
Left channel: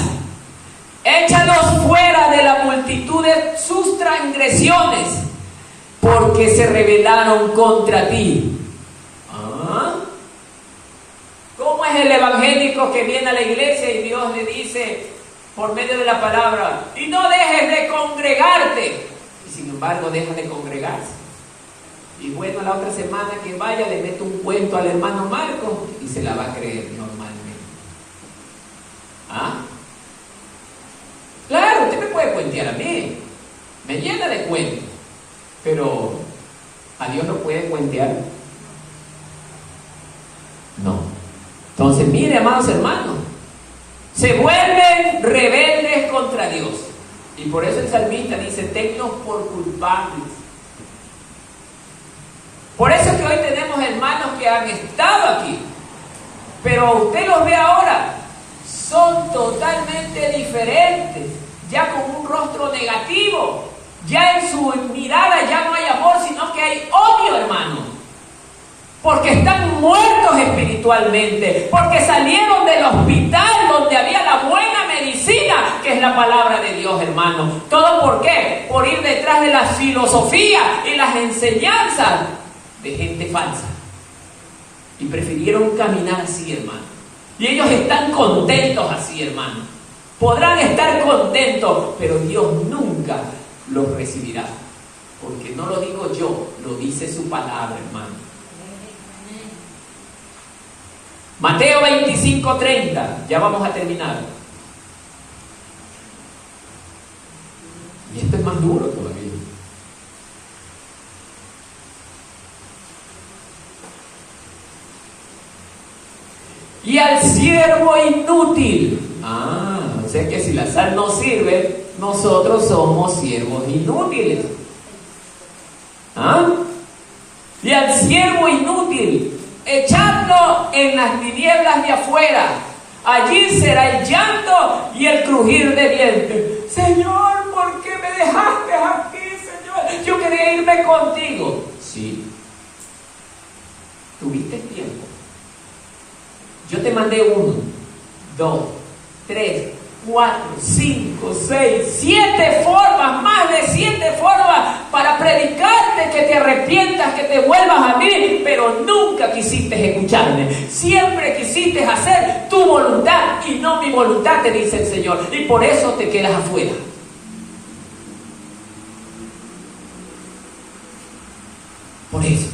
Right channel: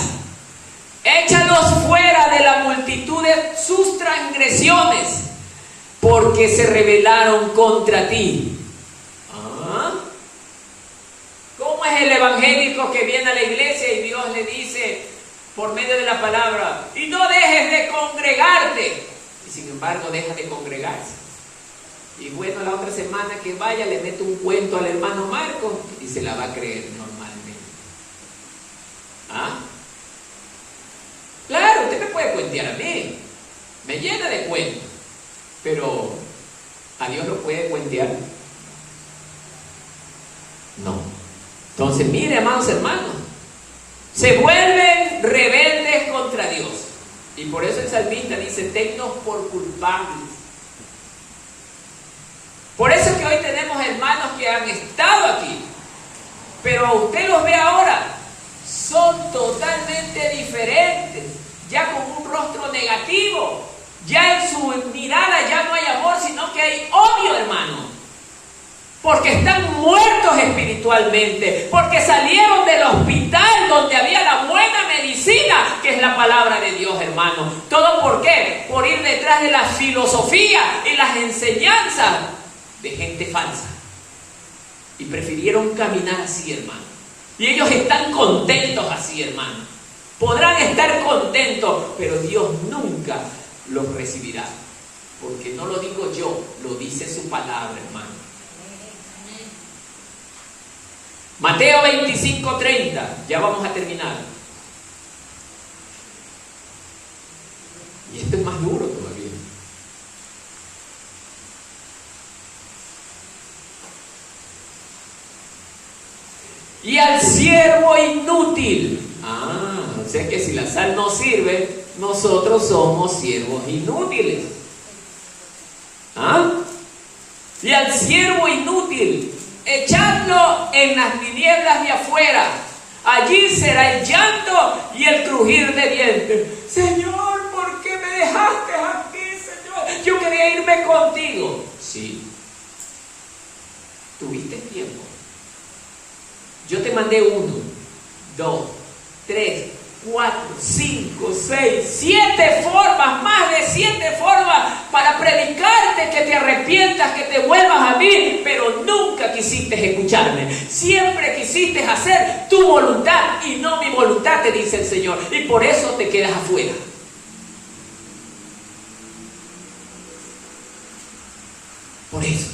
Échalos fuera de la multitud de sus transgresiones, porque se rebelaron contra ti. ¿Cómo es el evangélico que viene a la iglesia y Dios le dice por medio de la palabra, y no dejes de congregarte? Y sin embargo deja de congregarse. Y bueno, la otra semana que vaya le mete un cuento al hermano Marco y se la va a creer normalmente. Claro, usted me puede cuentear a mí, me llena de cuentos, pero ¿a Dios lo puede cuentear? No. Entonces, mire, amados hermanos, se vuelven rebeldes contra Dios. Y por eso el salmista dice, tenlos por culpables. Por eso es que hoy tenemos hermanos que han estado aquí, pero usted los ve ahora, son totalmente diferentes, ya con un rostro negativo, ya en su mirada ya no hay amor, sino que hay odio, hermano, porque están muertos espiritualmente, porque salieron del hospital donde había la buena medicina, que es la palabra de Dios, hermano. ¿Todo por qué? Por ir detrás de la filosofía y las enseñanzas de gente falsa, y prefirieron caminar así, hermano, y ellos están contentos así, hermano. Podrán estar contentos, pero Dios nunca los recibirá, porque no lo digo yo, lo dice su palabra, hermano. Mateo 25:30, ya vamos a terminar, y esto es más duro todavía. Y al siervo inútil. O sea que si la sal no sirve, nosotros somos siervos inútiles. Y al siervo inútil, echadlo en las tinieblas de afuera. Allí será el llanto y el crujir de dientes. Señor, ¿por qué me dejaste aquí, Señor? Yo quería irme contigo. Sí. Tuviste tiempo. Yo te mandé 1, 2, 3, 4, 5, 6, 7 formas, más de 7 formas para predicarte que te arrepientas, que te vuelvas a mí, pero nunca quisiste escucharme. Siempre quisiste hacer tu voluntad y no mi voluntad, te dice el Señor, y por eso te quedas afuera. Por eso.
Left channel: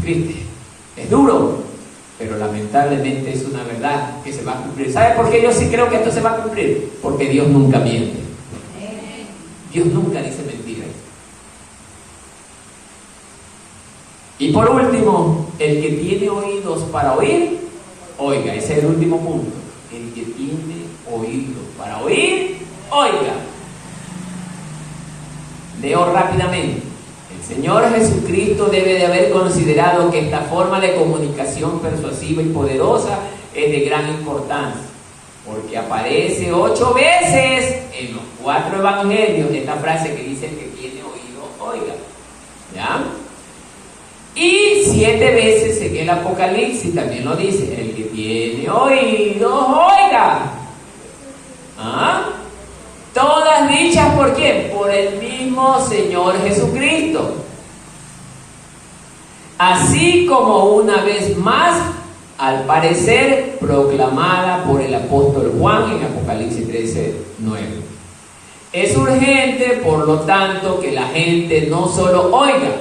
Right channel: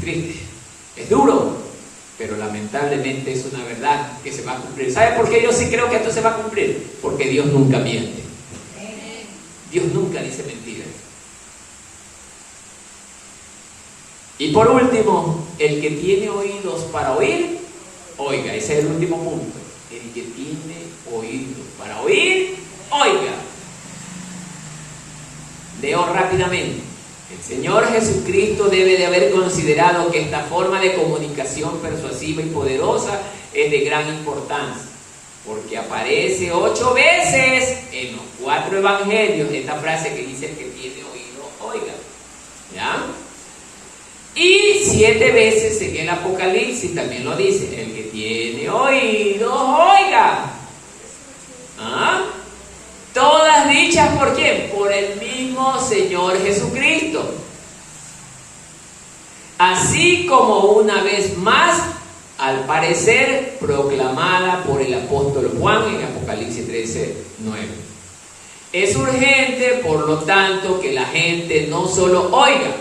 Triste, es duro, pero lamentablemente es una verdad que se va a cumplir. ¿Sabe por qué yo sí creo que esto se va a cumplir? Porque Dios nunca miente. Dios nunca dice mentiras. Y por último, el que tiene oídos para oír, oiga. Ese es el último punto. El que tiene oídos para oír, oiga. Leo rápidamente. El Señor Jesucristo debe de haber considerado que esta forma de comunicación persuasiva y poderosa es de gran importancia, porque aparece 8 veces en los 4 evangelios esta frase que dice: el que tiene oído, oiga. ¿Ya? Y 7 veces en el Apocalipsis también lo dice: el que tiene oídos, oiga. ¿Ah? Todas dichas ¿por quién? Por el mismo Señor Jesucristo. Así como una vez más, al parecer, proclamada por el apóstol Juan en Apocalipsis 13:9. Es urgente, por lo tanto, que la gente no solo oiga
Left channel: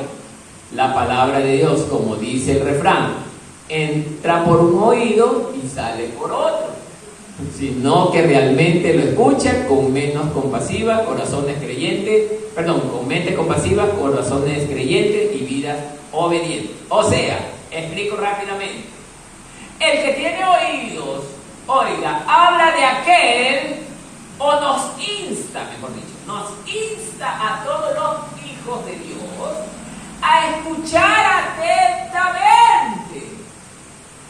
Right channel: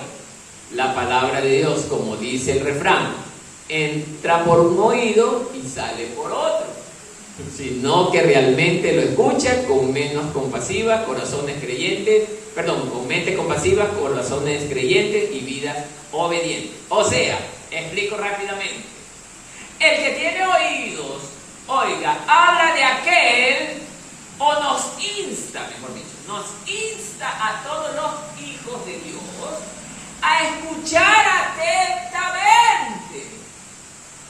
la palabra de Dios, como dice el refrán, entra por un oído y sale por otro, sino que realmente lo escucha con mente compasiva, corazones creyentes y vidas obedientes. O sea, explico rápidamente. El que tiene oídos, oiga, habla de aquel, o nos insta, mejor dicho, nos insta a todos los hijos de Dios a escuchar atentamente.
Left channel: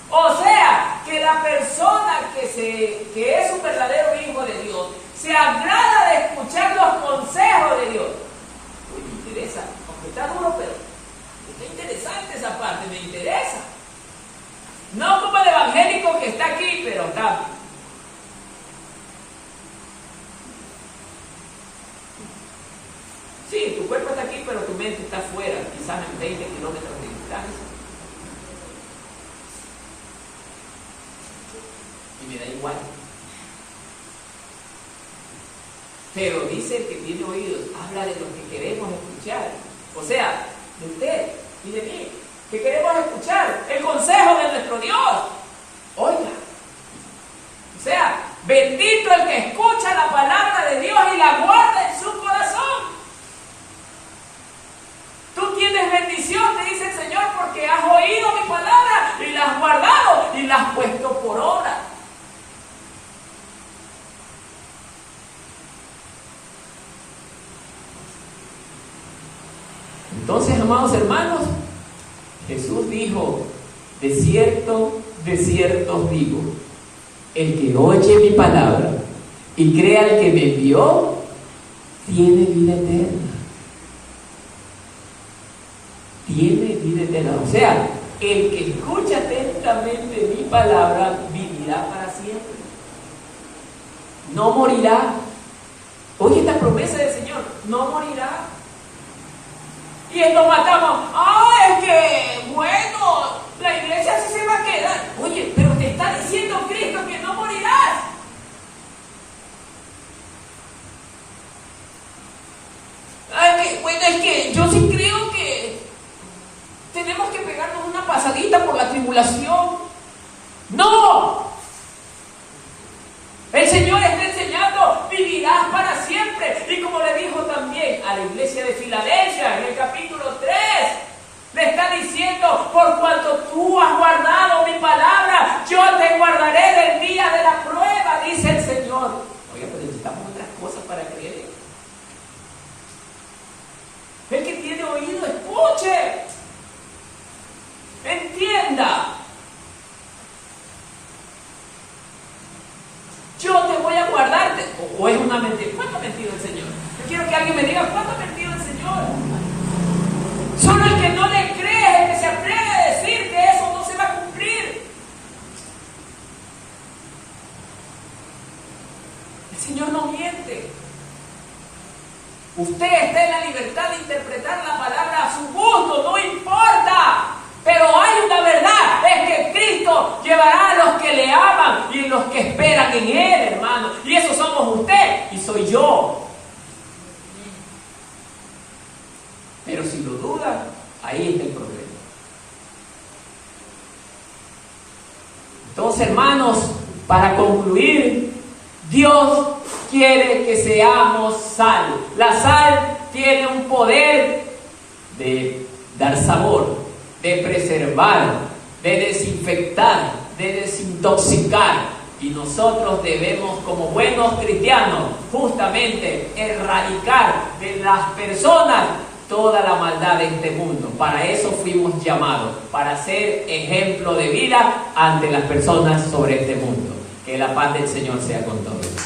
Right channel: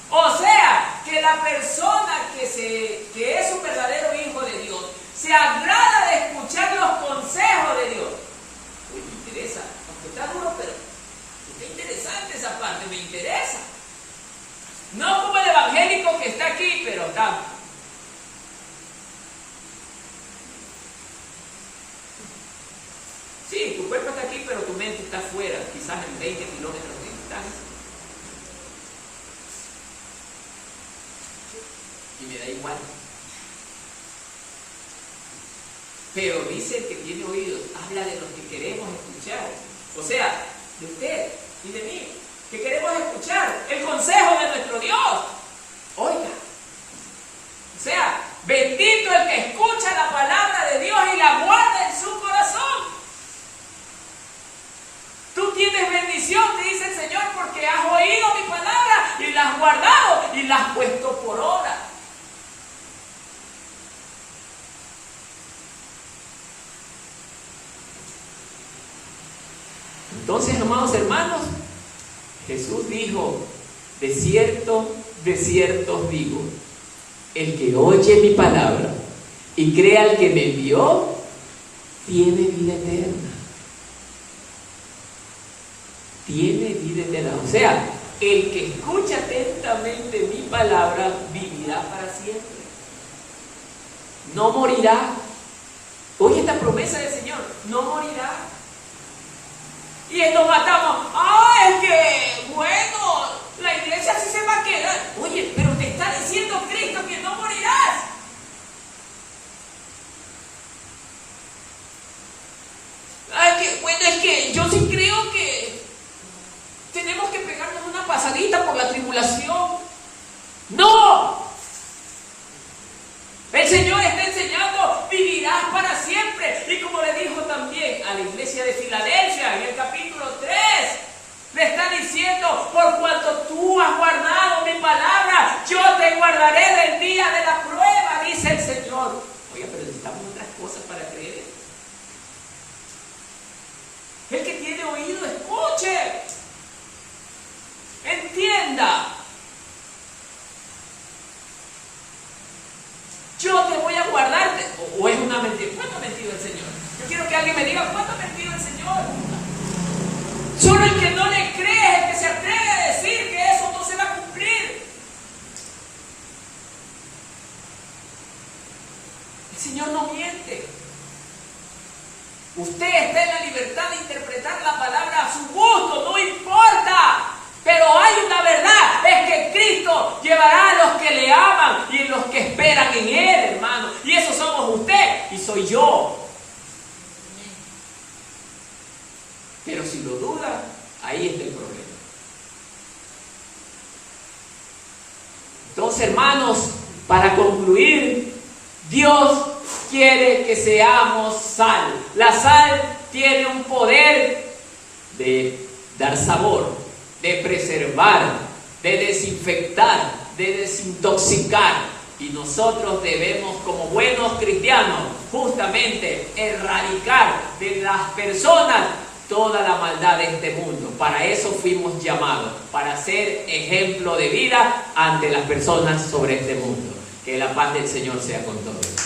O sea, que la persona que es un verdadero hijo de Dios se agrada de escuchar los consejos de Dios. Uy, me interesa, aunque está duro, pero está interesante esa parte, me interesa. No como el evangélico que está aquí, pero está. Sí, tu cuerpo está aquí, pero tu mente está afuera, quizás en 20 kilómetros de distancia. Y me da igual. Pero dice el que tiene oídos, habla de lo que queremos escuchar. O sea, de usted y de mí, que queremos escuchar el consejo de nuestro Dios. Oiga. O sea, bendito el que escucha la palabra de Dios y la guarda en su corazón. Tú tienes bendición, te dice el Señor, porque has oído mi palabra y la has guardado y la has puesto por obra. Entonces, amados hermanos, Jesús dijo: de cierto os digo, el que oye mi palabra y crea al que me envió, tiene vida eterna. Tiene vida eterna. O sea, el que escucha atentamente mi palabra vivirá para siempre. No morirá. Oye esta promesa del Señor: no morirá. Y nos matamos. Es que, bueno, la iglesia sí se va a quedar. Oye, pero te está diciendo Cristo que no morirás. Es que yo sí creo que tenemos que pegarnos una pasadita por la tribulación. ¡No! El Señor está enseñando: vivirás para siempre. Y como le dijo también a la iglesia de Filadelfia en el capítulo 3, le está diciendo: por cuanto tú has guardado mi palabra, yo te guardaré del día de la prueba, dice el Señor. Oye, pero necesitamos otras cosas para creer esto. El que tiene oído, escuche, entienda. Yo te voy a guardarte. ¿O es una mentira? ¿Cuándo ha mentido el Señor? Yo quiero que alguien me diga: ¿cuándo ha mentido el Señor? Solo el que no le cree es el que se atreve a decir que eso no se va a cumplir. El Señor no miente. Usted está en la libertad de interpretar la palabra a su gusto, no importa. Pero hay una verdad, es que Cristo llevará a los que le aman y los que esperan en Él, hermano. Y esos somos usted y soy yo. Pero si lo duda, ahí está el problema. Entonces, hermanos, para concluir, Dios quiere que seamos sal. La sal tiene un poder de dar sabor. de preservar, de desinfectar, de desintoxicar. Y nosotros debemos, como buenos cristianos, justamente erradicar de las personas toda la maldad de este mundo. Para eso fuimos llamados, para ser ejemplo de vida ante las personas sobre este mundo. Que la paz del Señor sea con todos.